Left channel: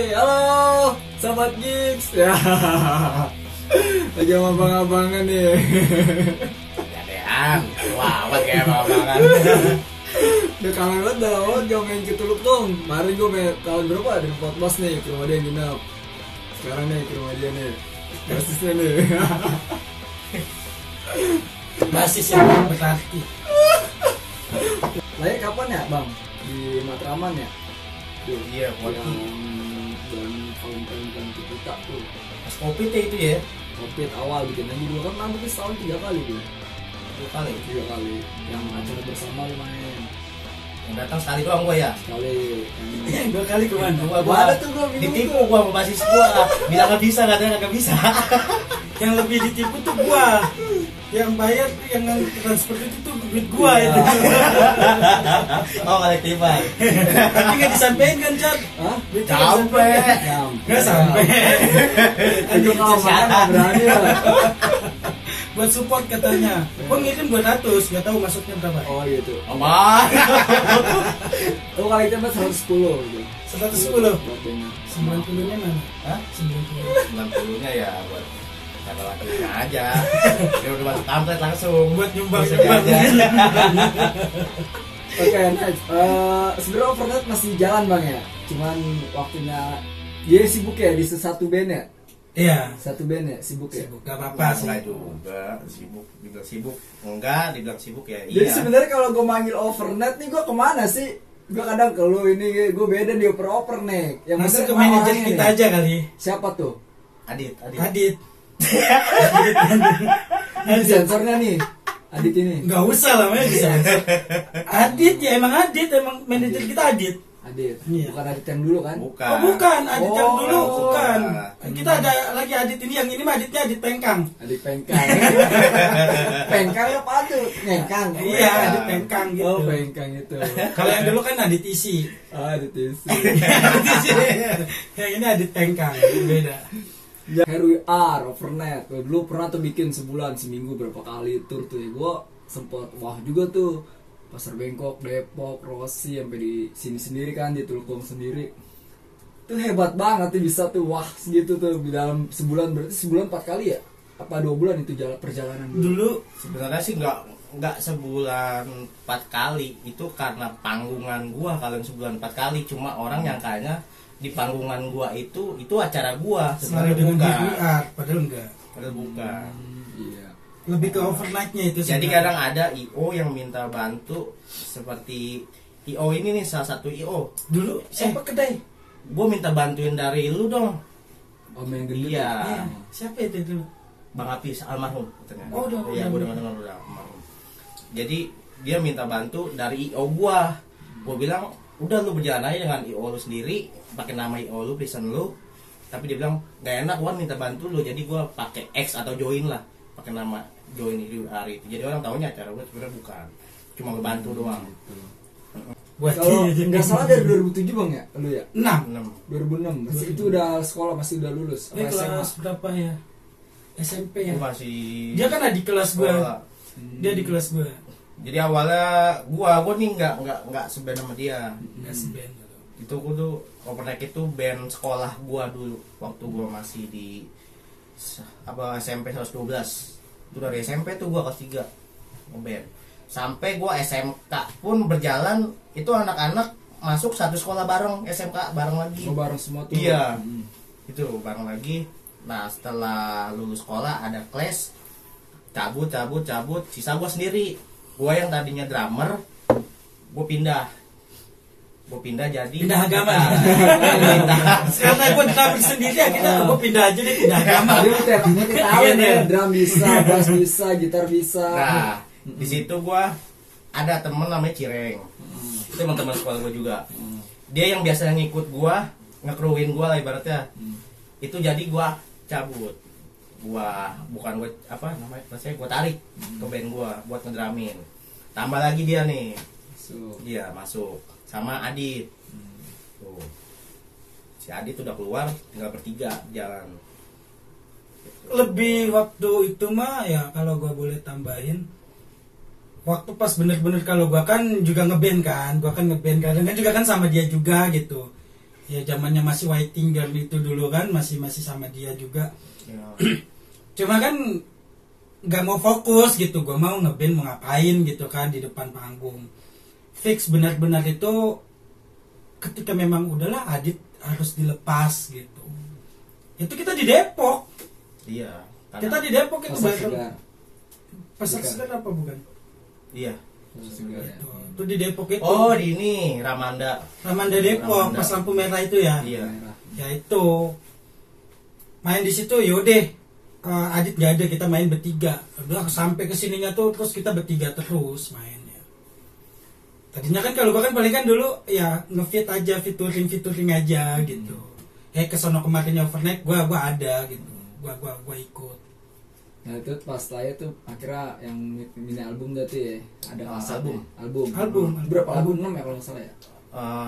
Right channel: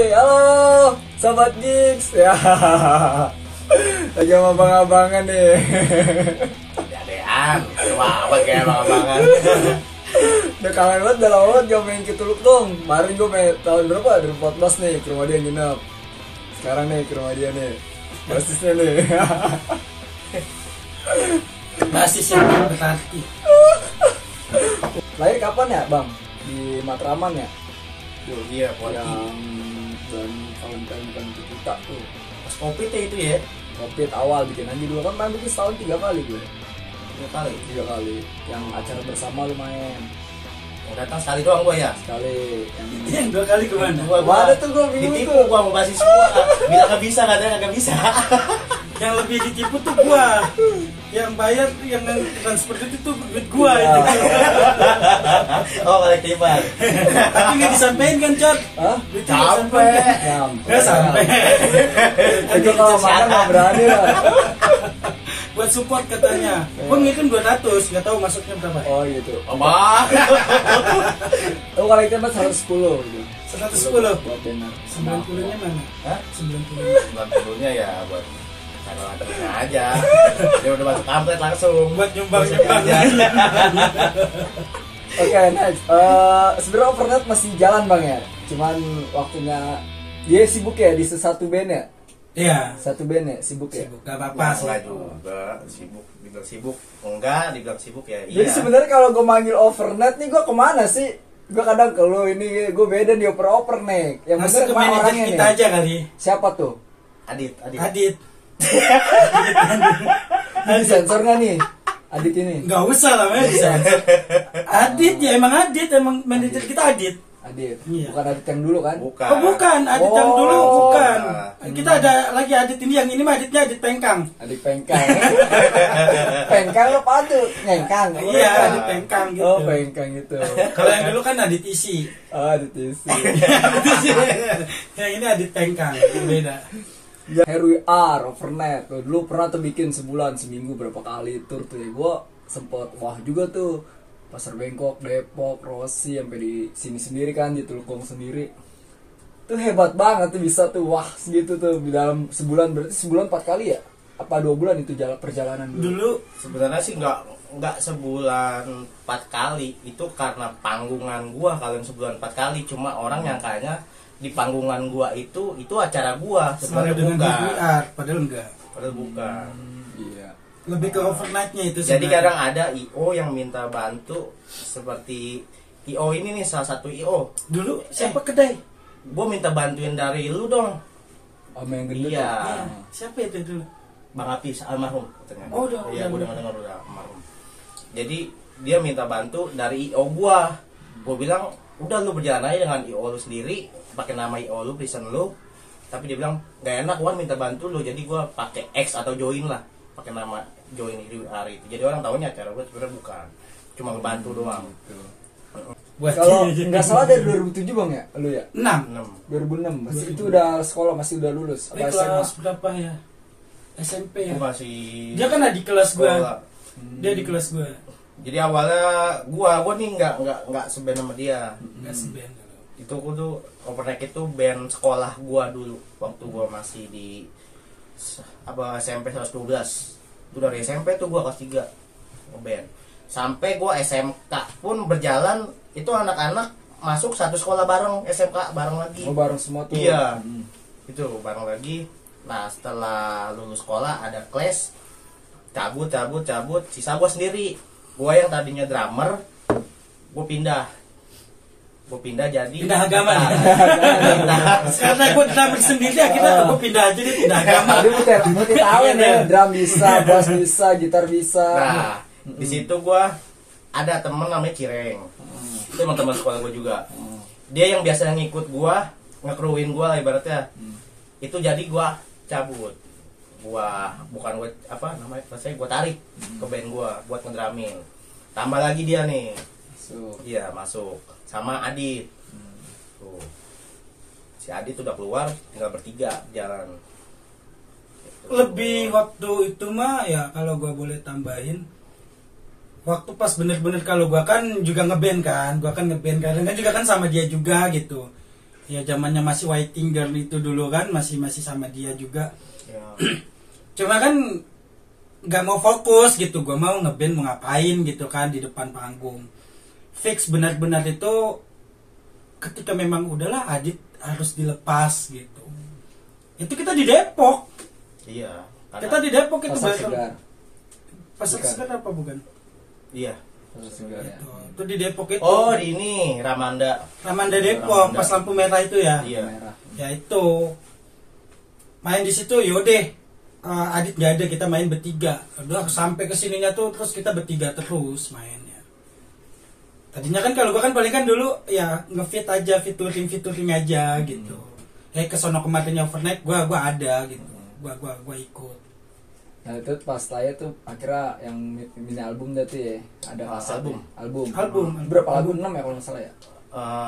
Halo, sahabat gigs. Ya, lagi sama abang-abangan nih. Gadean, wah apa kayak abang-abangan. Udah kangen banget, udah lama banget gak main ke Tuluk dong. Kemarin gue main tahun berapa? 2014 nih, ke rumah dia nginep. Sekarang nih ke rumah dia nih, basisnya nih. Basis yang berarti. Lahir kapan ya bang? Di Matraman ya? Iya, Yang dan tahun-tahun kita tuh. pas kopi teh itu ya. Covid awal bikin aja dulu kan main bikin setahun 3 kali gue. 3 kali. Yang acara bersama lumayan. Yang datang sekali doang gua ya. Sekali Yang 2 kali kemana? Gua ada tuh gua bingung ditipu tuh. gua mau basis gua. Bilang enggak bisa, katanya enggak bisa. Yang lebih ditipu tuh gua. Yang bayar yang seperti itu tuh duit gua Iya. itu. Oh, kolektifan. Tapi nggak disampaikan kan, Cot? Hah? Duitnya nggak Sampai. disampaikan. Nggak sampai. Itu kalau makan nggak berani lah. Buat support katanya. Gua ngirim 200, nggak tahu masuknya berapa. Oh gitu. Apa? Oh kalau itu mas 110 gitu. 110. Buat dinner. 90-nya mana? Hah? 90. 90-nya ya buat cara latihan aja. Dia udah masuk kampret langsung Buat nyumbang Bisa aja. Oke, next. Sebenarnya Overnet masih jalan bang ya. Cuman waktunya dia sibuk ya di satu band ya. Iya. Satu band ya sibuk ya. Sibuk, gak apa-apa sih. Enggak juga sibuk, dibilang sibuk enggak, dibilang sibuk ya Jadi iya. sebenarnya kalau gue manggil Overnet nih gue kemana sih? Gue kadang ke lu ini gue beda di oper nih. Yang Masuk bener ke kemana manajer orangnya kita nih? aja kali. Siapa tuh? Adit. Adit. Ini sensor nggak nih? Adit ini. Nggak usah lah, men. Adit ya, emang manajer kita Adit. Adit. Iya. Bukan Adit yang dulu kan? Bukan. Oh bukan, Adit yang Oh. dulu bukan. Kita ada lagi Adit ini, yang ini mah Aditnya Adit Pengkang. Adik pengkang. Pengkang apa tuh? Ngengkang. Iya, Adit Pengkang gitu. Oh, pengkang itu. Kalau yang dulu kan Adit Isi. Oh, Adit isi. Adit Isi. Yang ini Adit Pengkang, beda. Ya, RWR, Overnet. Dulu pernah tuh bikin sebulan, seminggu berapa kali tur tuh ya. Gua sempet wah juga tuh. Pasar Bengkok, Depok, Rosi sampai di sini sendiri kan, di Tulukong sendiri. Itu hebat banget tuh bisa tuh wah segitu tuh di dalam sebulan, berarti sebulan 4 kali ya? Apa 2 bulan itu jalan perjalanan Dulu Sebenarnya sih enggak sebulan 4 kali. Itu karena panggungan gua kalau yang sebulan 4 kali, cuma orang nyangkanya di panggungan gua itu acara gua, selalu sebenarnya dengan bukan. DVR, padahal enggak. Padahal bukan. Iya. Lebih ke overnight-nya itu Jadi sebenarnya. kadang ada IO yang minta bantu, seperti IO ini nih, salah satu IO. Dulu siapa kedai? Gue minta bantuin dari lu dong. Om yang gendut. Iya. Iya, siapa itu dulu? Bang Apis almarhum katanya. Oh, udah, Iya, gue udah. dengar udah almarhum. Jadi dia minta bantu dari IO gua. Gue bilang, "Udah lu berjalan aja dengan IO lu sendiri, pakai nama IO lu, pesan lu." Tapi dia bilang, "Gak enak, Wan minta bantu lu." Jadi gua pakai X atau join lah, pakai nama join di hari itu. Jadi orang taunya acara gua sebenarnya bukan. Cuma ngebantu doang. Buat Kalau nggak salah dari 2007 bang ya, lu ya? 6. 2006, masih itu udah sekolah, masih udah lulus. Ini Apa SMA? kelas berapa ya? SMP ya. Gua masih Dia kan adik kelas sekolah. gua. Dia di kelas gua. Jadi awalnya gua nih nggak seband sama dia. Enggak seband. Itu gua tuh Overnight itu band sekolah gua dulu waktu gua masih di SMP 112. Itu dari SMP tuh gua kelas 3 ngeband. Sampai gua SMK pun berjalan, itu anak-anak masuk satu sekolah bareng, SMK bareng lagi. Oh bareng semua tuh. Iya. Itu bareng lagi. Nah, setelah lulus sekolah ada kelas, cabut, sisa gua sendiri. Gua yang tadinya drummer, gua pindah jadi Pindah agama. Pindah. Karena gua drummer sendiri ya, kita gua pindah aja deh, pindah agama. Jadi mesti tahu Iya, nih, iya. drum bisa, bass bisa, gitar bisa. Nah, di situ gua ada temen namanya Cireng. Itu emang teman sekolah gua juga. Dia yang biasanya ngikut gua, ngekruin gua lah ibaratnya. Itu jadi gua cabut. Bukan gua apa namanya? Saya gua tarik ke band gua buat ngedramin. Tambah lagi dia nih. Iya, masuk sama Adit. Tuh. Si Adit udah keluar, tinggal bertiga jalan. Gitu. Lebih waktu itu mah ya, kalau gua boleh tambahin, waktu pas bener-bener, kalau gua kan juga ngeband kan, kadang kan juga kan sama dia juga gitu. Ya zamannya masih waiting girl itu dulu kan, masih sama dia juga. Ya. Cuma kan nggak mau fokus gitu, gue mau ngeband mau ngapain gitu kan di depan panggung. Fix benar-benar itu ketika memang udahlah Adit harus dilepas gitu. Itu kita di Depok. Iya. Kita di Depok itu Pasar Segar. Pasar Bukan. Segar apa bukan? Iya. Pasar Segar ya. Itu di Depok itu. Oh, di ini Ramanda. Ramanda Depok, Ramanda. pas lampu merah itu ya. Iya. Merah. Ya itu. Main di situ yaudah. Adit gak ada, kita main bertiga. Udah sampai kesininya tuh terus kita bertiga terus mainnya. Tadinya kan kalau gua kan paling kan dulu ya ngefit aja, featuring aja gitu. Kesono kemarinnya overnight gua ada gitu. Gua ikut. Nah itu pas saya tuh akhirnya yang mini album dah tuh ya ada kasetnya. album berapa lagu 6 ya kalau nggak salah ya.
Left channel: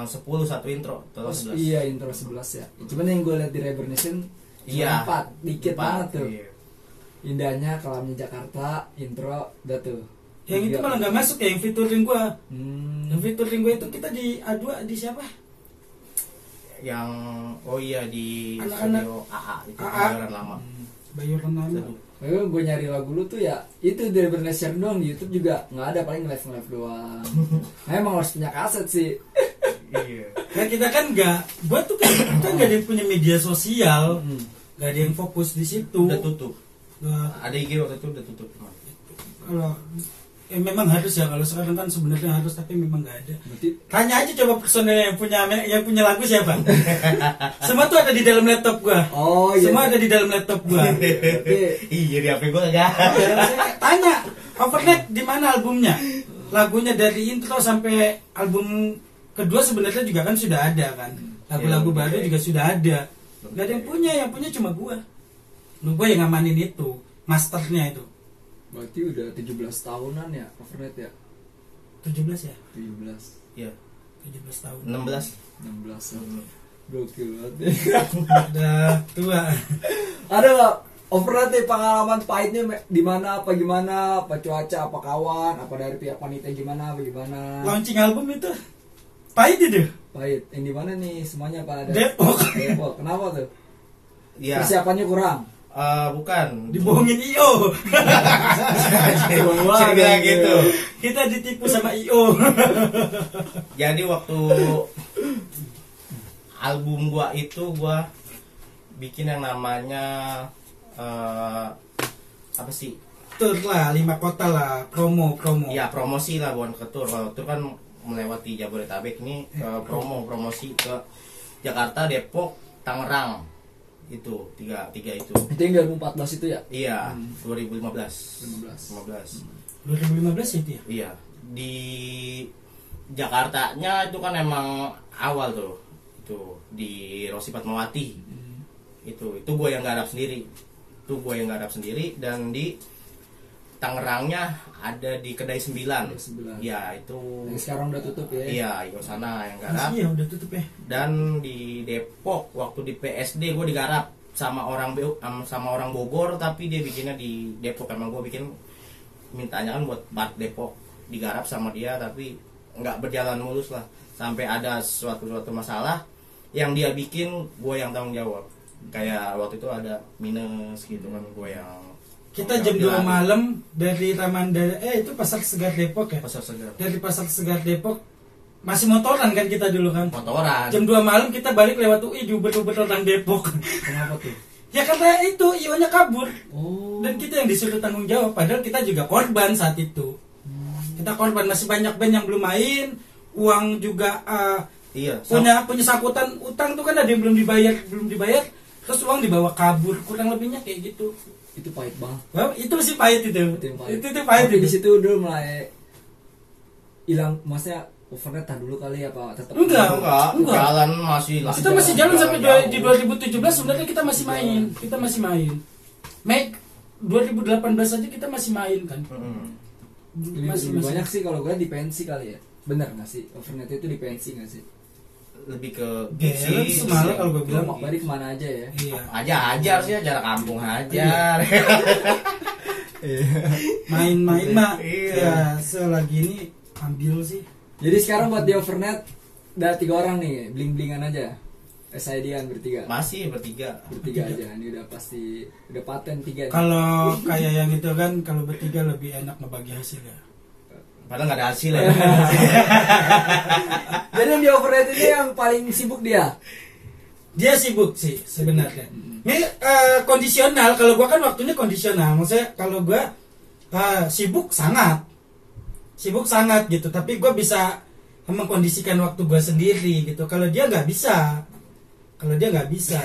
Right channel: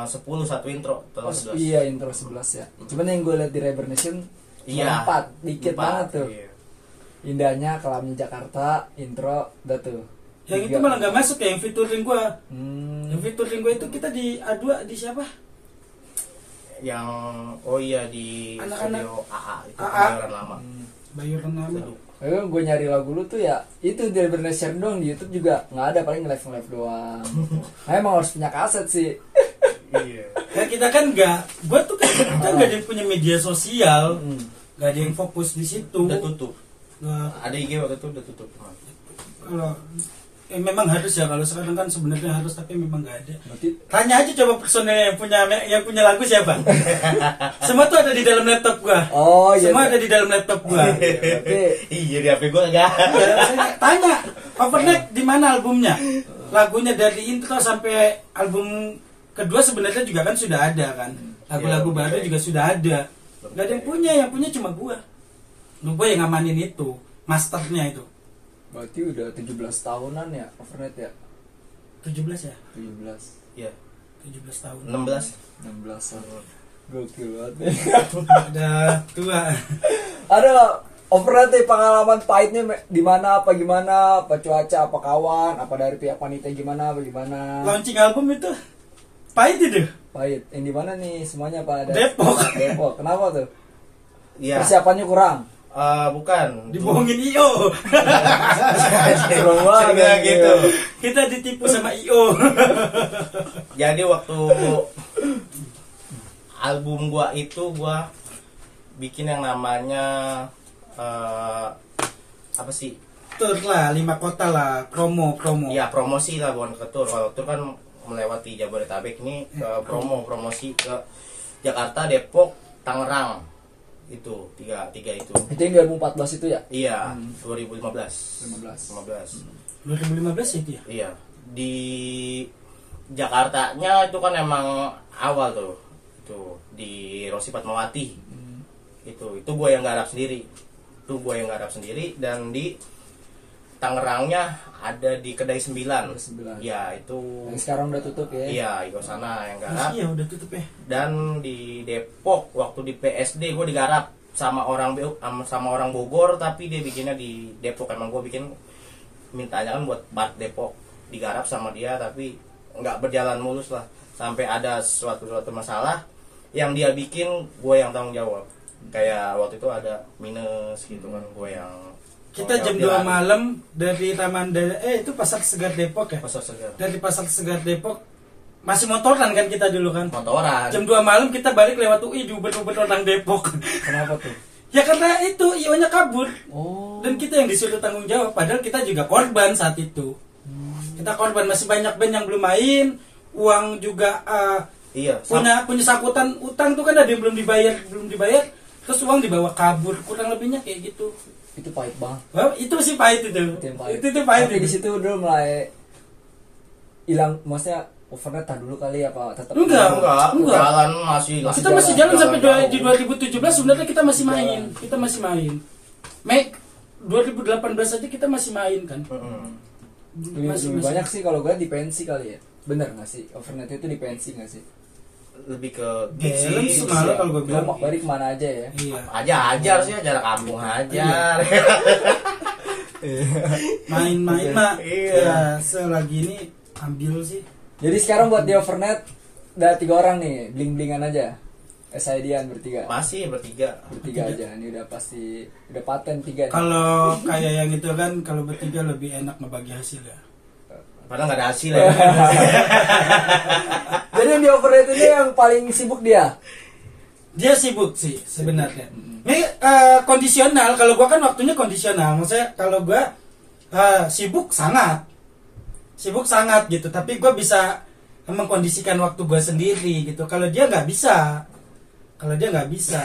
10 satu intro, total 11. Iya intro 11 ya. Cuman yang gue liat di Rebernation Iya. 4 dikit banget tuh. Iya. Indahnya Kelamnya Jakarta intro dah tuh. Yang itu malah nggak masuk ya, yang featuring gua. Yang Hmm. featuring gua itu kita di A2 di siapa? Yang oh iya di Anak-anak. studio AA itu AA. Kebayoran lama. Bayaran nama. Seduh. Lalu gue nyari lagu lu tuh ya itu di Rebernation doang, di YouTube juga nggak ada, paling live doang. Nah emang harus punya kaset sih. Iya. Ya kita kan nggak, gua tuh kan kita nggak ada yang punya media sosial, Hmm. nggak ada yang fokus di situ. Udah tutup. Wah, Ada IG waktu itu udah tutup teman. kalau memang harus ya, kalau sekarang kan sebenarnya harus tapi memang nggak ada. Berarti Tanya aja coba personel yang punya lagu siapa. Semua tuh ada di dalam laptop gua. oh iya. Semua ada di dalam laptop gua. Berarti Iya di HP gua enggak. Ya, tanya overnight di mana albumnya? Lagunya dari intro sampai album kedua sebenarnya juga kan sudah ada kan. Lagu-lagu Ya, baru oke. juga sudah ada. Gak ada yang punya cuma gua. Lu gua yang ngamanin itu, masternya itu. berarti udah 17 tahunan ya overnight ya. 17 ya? 17 Iya. 17 tahun. 16. 16 tahun. Gokil banget. Udah tua. Ada nggak overnight nih pengalaman pahitnya di mana, apa gimana, apa cuaca, apa kawan, apa dari pihak panitia gimana, apa gimana? Launching album itu pahit itu. Pahit. Yang di mana nih semuanya Pak? Depok. Depok. Kenapa tuh? Iya. Persiapannya kurang. Bukan. Dibohongin IO. Kurang Saya bilang gitu. Kita ditipu sama IO. Jadi waktu album gua itu gua bikin yang namanya apa sih? Tur lah, 5 kota lah, promo. Ya promosi lah, bukan ke tour. Kalau tour kan melewati Jabodetabek, ini promosi ke Jakarta, Depok, Tangerang. Itu tiga itu. Itu yang di 2014 itu ya? Iya, 2015. 15. 2015 itu ya? Iya, di Jakartanya itu kan emang awal tuh. Itu di Rosi Fatmawati. Itu gue yang garap sendiri. Dan di Tangerangnya ada di Kedai 9. 9. Ya, itu Yang sekarang udah tutup ya? iya, itu sana yang garap. Masih ya udah tutup ya. Dan di Depok waktu di PSD gue digarap sama orang Bogor, tapi dia bikinnya di Depok. Emang gue bikin mintanya kan buat Bart Depok, digarap sama dia tapi nggak berjalan mulus lah, sampai ada suatu masalah yang dia bikin gue yang tanggung jawab. Kayak waktu itu ada minus gitu kan, gue yang Kita jam tanggung 2 jawab. malam dari Ramanda, itu Pasar Segar Depok ya. Pasar Segar Dari Pasar Segar Depok masih motoran kan kita dulu kan. motoran. Jam 2 malam kita balik lewat UI diubet-ubet orang Depok. Kenapa tuh? Ya karena itu IO-nya kabur. Oh. Dan kita yang disuruh tanggung jawab, padahal kita juga korban saat itu. Kita korban, masih banyak band yang belum main, uang juga Iya, punya sakutan utang tuh kan ada yang belum dibayar, terus uang dibawa kabur, kurang lebihnya kayak gitu. Itu pahit banget. Wah, itu sih pahit itu. Itu yang pahit. Itu pahit. Tapi di situ udah mulai hilang, maksudnya overnight dulu kali apa tetap Enggak. jalan masih lah. Kita masih jalan sampai jauh. di 2017 sebenarnya kita masih main. Kita masih main. Make 2018 aja kita masih main kan. lebih banyak sih kalau gue di pensi kali ya. Bener nggak sih overnight itu di pensi nggak sih? Lebih ke Balance gigs malah sih. kalau gue bilang. Kelompok bari kemana aja ya? Iya. Ajar sih, jarak kampung ajar. Main-main mah. Iya. Ya, selagi ini ambil sih. Jadi sekarang buat di overnight ada 3 orang nih, bling-blingan aja. Saidian bertiga. Masih bertiga. Bertiga aja. Ini udah pasti udah paten 3 nih. Kalau kayak yang itu kan kalau bertiga lebih enak ngebagi hasil ya. Padahal nggak ada hasil ya. Jadi yang di overrated ini yang paling sibuk dia. Dia sibuk sih sebenarnya. Ini kondisional. Kalau gua kan waktunya kondisional. Maksudnya kalau gua sibuk sangat gitu. Tapi gua bisa mengkondisikan waktu gua sendiri gitu. Kalau dia nggak bisa,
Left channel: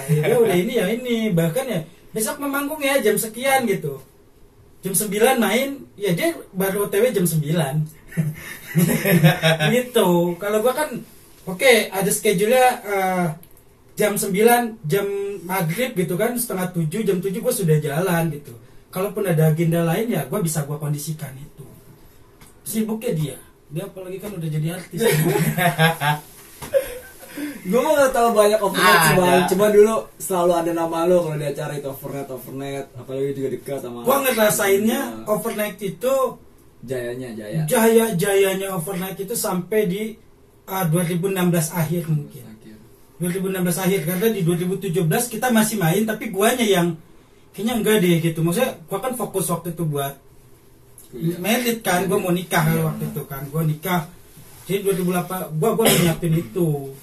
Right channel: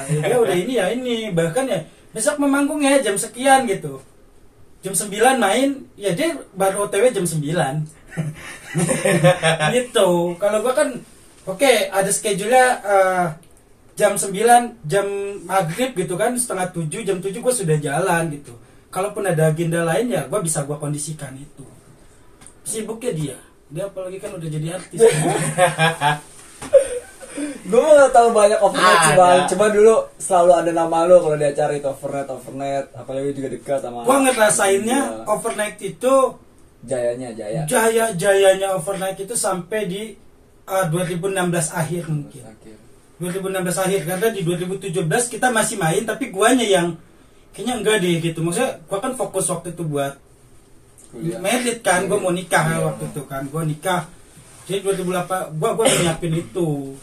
ya dia udah ini ya ini. Bahkan ya besok mau manggung ya jam sekian gitu. Jam 9 main, ya dia baru OTW jam 9. Gitu. Kalau gua kan oke, ada schedule-nya jam 9, jam maghrib gitu kan, setengah 7, jam 7 gua sudah jalan gitu. Kalaupun ada agenda lain ya gua bisa gua kondisikan itu. Sibuknya dia apalagi kan udah jadi artis. Gue gak tahu banyak overnet sih bang. Ada. Cuma dulu selalu ada nama lo kalau di acara itu overnet. Apalagi juga dekat sama. Gua ngerasainnya overnight itu jayanya overnight itu sampai di 2016 akhir mungkin. 2016 akhir karena di 2017 kita masih main tapi guanya yang kayaknya enggak deh gitu. Maksudnya gua kan fokus waktu itu buat merit kan, gua mau nikah waktu itu kan. Gua nikah. Jadi 2008 gua nyiapin itu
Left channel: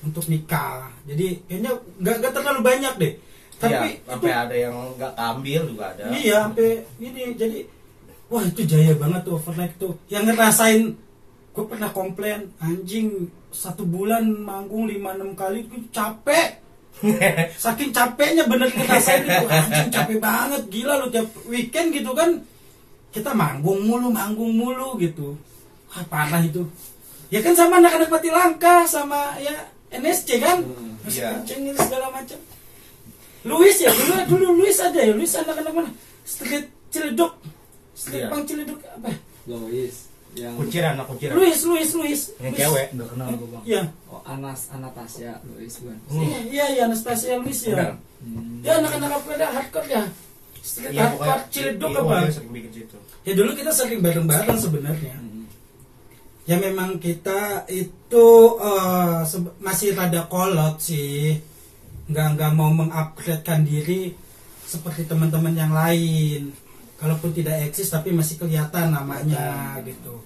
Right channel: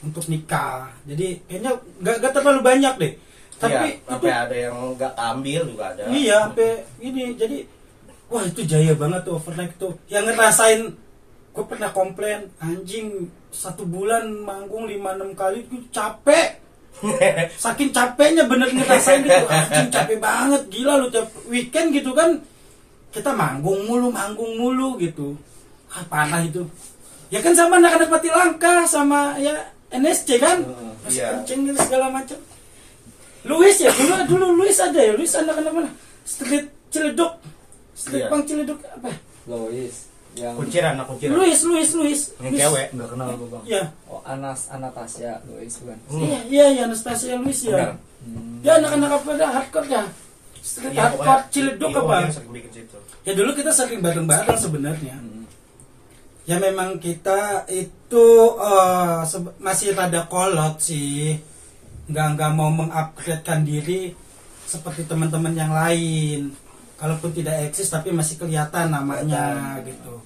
untuk nikah. Jadi kayaknya enggak terlalu banyak deh. Tapi iya, sampai ada yang nggak ambil juga ada. Iya, sampai ini. Jadi wah itu jaya banget tuh overnight tuh. Yang ngerasain gue pernah komplain anjing 1 bulan manggung 5-6 kali gue capek. Saking capeknya bener ngerasain itu anjing capek banget gila lu tiap weekend gitu kan kita manggung mulu gitu. Parah itu. Ya kan sama anak-anak Pati Langka sama ya NSC kan. Masih iya. kenceng segala macam. Luis ya dulu Luis ada ya Luis anak-anak mana? Street Ciledug. Street Iya. Pang Ciledug apa? Lois yang Kunciran. Luis. Yang cewek. nggak kenal gue bang. Iya. Oh Anastasia Lois bukan. Iya Anastasia Luis ya. Benar. Ya anak-anak apa dah hardcore ya. Street Iya, hardcore Ciledug apa? Yang sering bikin situ. Ya dulu kita sering bareng-bareng sebenarnya. Ya memang kita itu masih rada kolot sih, nggak mau mengupgradekan diri seperti teman-teman yang lain. Kalaupun tidak eksis tapi masih kelihatan namanya gitu.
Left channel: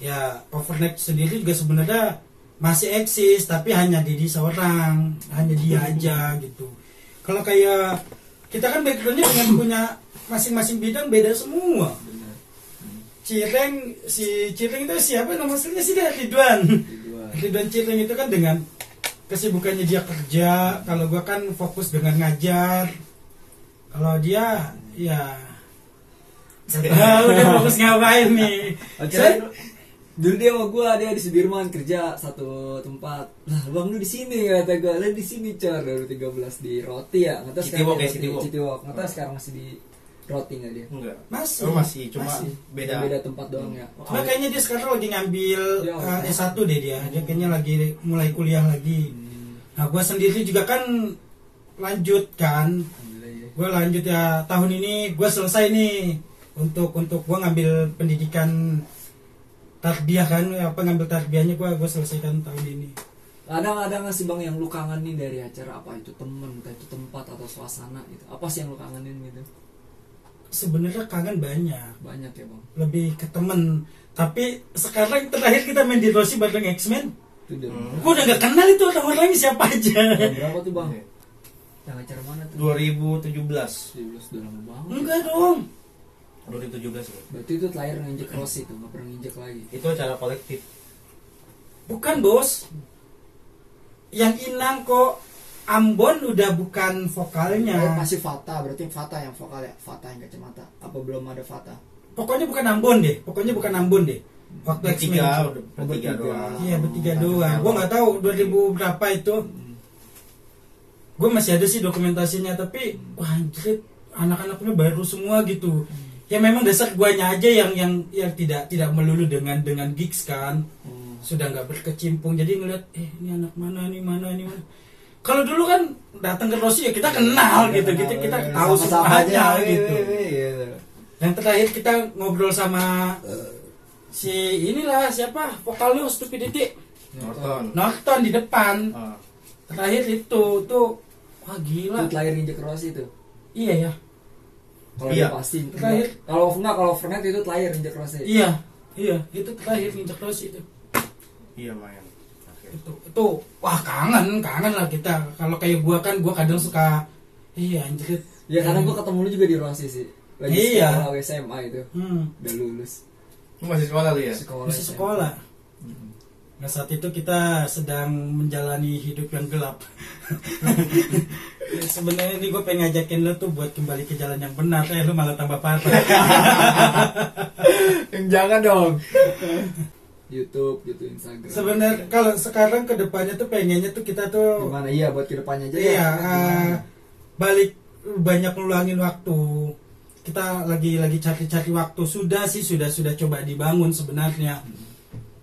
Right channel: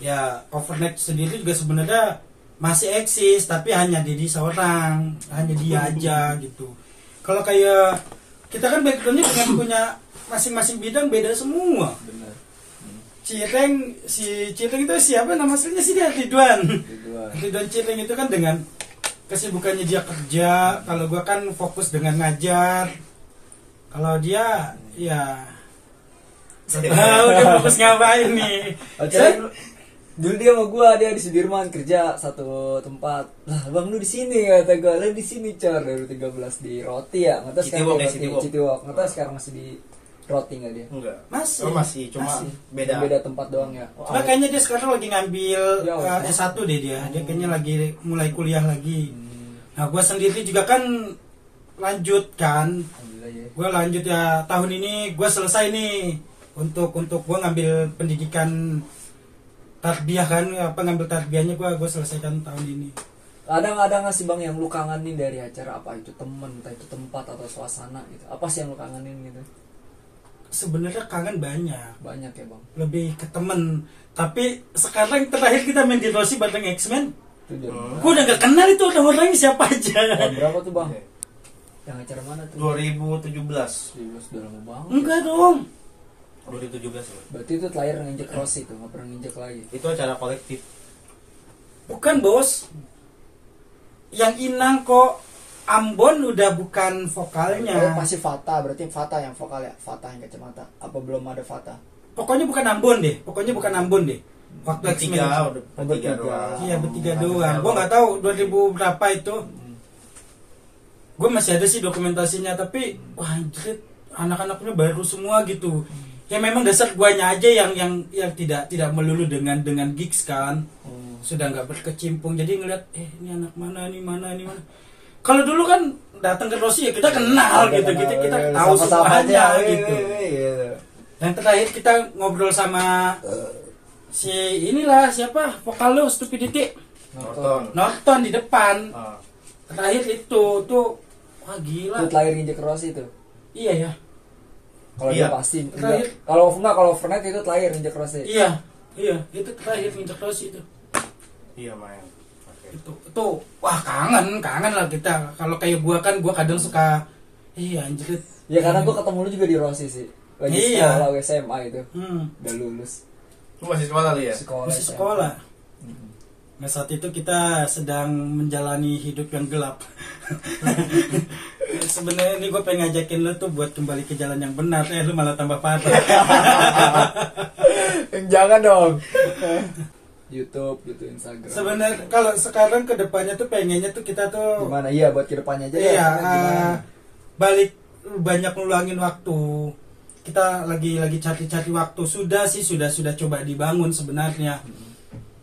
Ya overnight sendiri juga sebenarnya masih eksis tapi hanya Didi seorang, hanya dia aja gitu. Kalau kayak kita kan backgroundnya dengan punya masing-masing bidang beda semua. Benar. Si Cireng itu siapa nama aslinya sih dia Ridwan Cireng itu kan dengan kesibukannya dia kerja, kalau gua kan fokus dengan ngajar, kalau dia ya udah fokus ngapain nih. Dulu dia sama gue, dia di Sudirman kerja satu tempat. Lah bang lu di sini kata gue, lu di sini cor 2013 di Roti ya, nggak tahu sekarang Citiwalk, nggak tahu sekarang masih di Roti nggak dia? Enggak. Masih. Cuma beda. Beda tempat doang ya. Cuma kayaknya dia sekarang lagi ngambil S1 deh dia kayaknya lagi mulai kuliah lagi. Nah gue sendiri juga kan lanjut kan, gue lanjut ya tahun ini gue selesai nih untuk gue ngambil pendidikan tarbiyah kan, ngambil tarbiyahnya gue selesaikan tahun ini. Ada nggak sih bang yang lu kangenin dari acara, apa itu temen, entah itu tempat atau suasana gitu? Apa sih yang lu kangenin gitu? Sebenarnya kangen banyak ya bang. Lebih ke temen. Tapi sekarang terakhir kita main di Rossi bareng X-Men, gue udah gak kenal itu orangnya siapa aja. Berapa tuh bang? Yang acara mana tuh? 2017. Udah lama banget. Enggak dong. 2017 ya. Berarti itu terakhir nginjek Rossi tuh, nggak pernah nginjek lagi. Itu acara kolektif. Bukan bos. Yang Inang kok Ambon udah bukan vokalnya. Oh masih Fata, berarti Fata yang vokal ya? Fata yang kacamata. Apa belum ada Fata? Pokoknya bukan Ambon deh. Waktu Bertiga doang. Iya bertiga doang. Gue nggak tahu 2000 berapa itu. Gue masih ada sih dokumentasinya, tapi wah anjir, anak-anaknya baru semua gitu. Ya memang dasar guanya aja yang tidak melulu dengan gigs kan. Sudah nggak berkecimpung, jadi ngeliat ini anak mana. Kalau dulu kan datang ke Rossi ya kita kenal gitu, kita tahu semuanya gitu. Yang terakhir kita ngobrol sama si inilah siapa vokal lu Stupidity. Norton di depan. Terakhir itu tuh wah gila. Itu terakhir nginjek Rossi itu. Iya ya. Kalau Iya. dia pasti Terakhir. kalau Fernet itu terakhir nginjek Rossi. Iya, itu terakhir nginjek Rossi itu. Iya main. Oke. Itu wah kangen lah kita. Kalau kayak gua kan gua kadang suka iya anjir. Ya karena gua ketemu lu juga di Rossi sih. Lagi Iya. sekolah SMA itu. Udah lulus. Lu masih sekolah lu ya? Masih sekolah. Nah, saat itu kita sedang menjalani hidup yang gelap. Sebenarnya ini gue pengen ngajakin lu tuh buat kembali ke jalan yang benar. Lu malah tambah parah. Jangan dong. YouTube, Instagram. Sebenarnya kalau sekarang ke depannya tuh pengennya tuh kita tuh Gimana? Iya buat kedepannya aja. iya Gimana? balik banyak ngeluangin waktu. Kita lagi cari waktu. Sudah coba dibangun sebenarnya.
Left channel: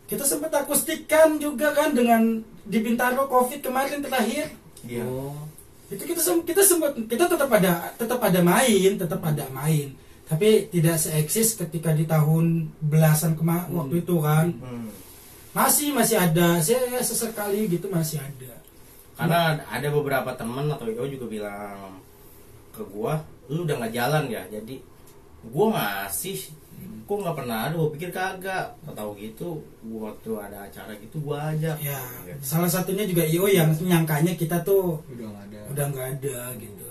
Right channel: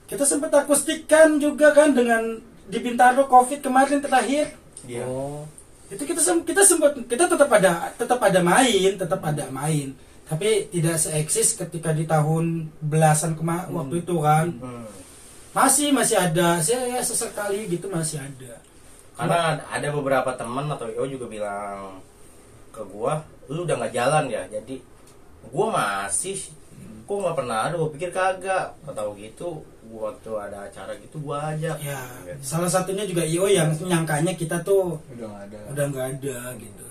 Kita sempat akustikan juga kan dengan di Bintaro Covid kemarin terakhir. Iya. Oh. Itu kita tetap ada main, tapi tidak seeksis ketika di tahun belasan waktu itu kan. Masih ada, saya sesekali gitu masih ada. Karena ada beberapa teman atau IO juga bilang ke gua, lu udah nggak jalan ya, jadi gua masih, kok nggak pernah ada, gua pikir kagak, tahu gitu, gua waktu ada acara gitu gua ajak. Ya, Gitu. salah satunya juga IO yang nyangkanya kita tuh Udah nggak ada. gitu.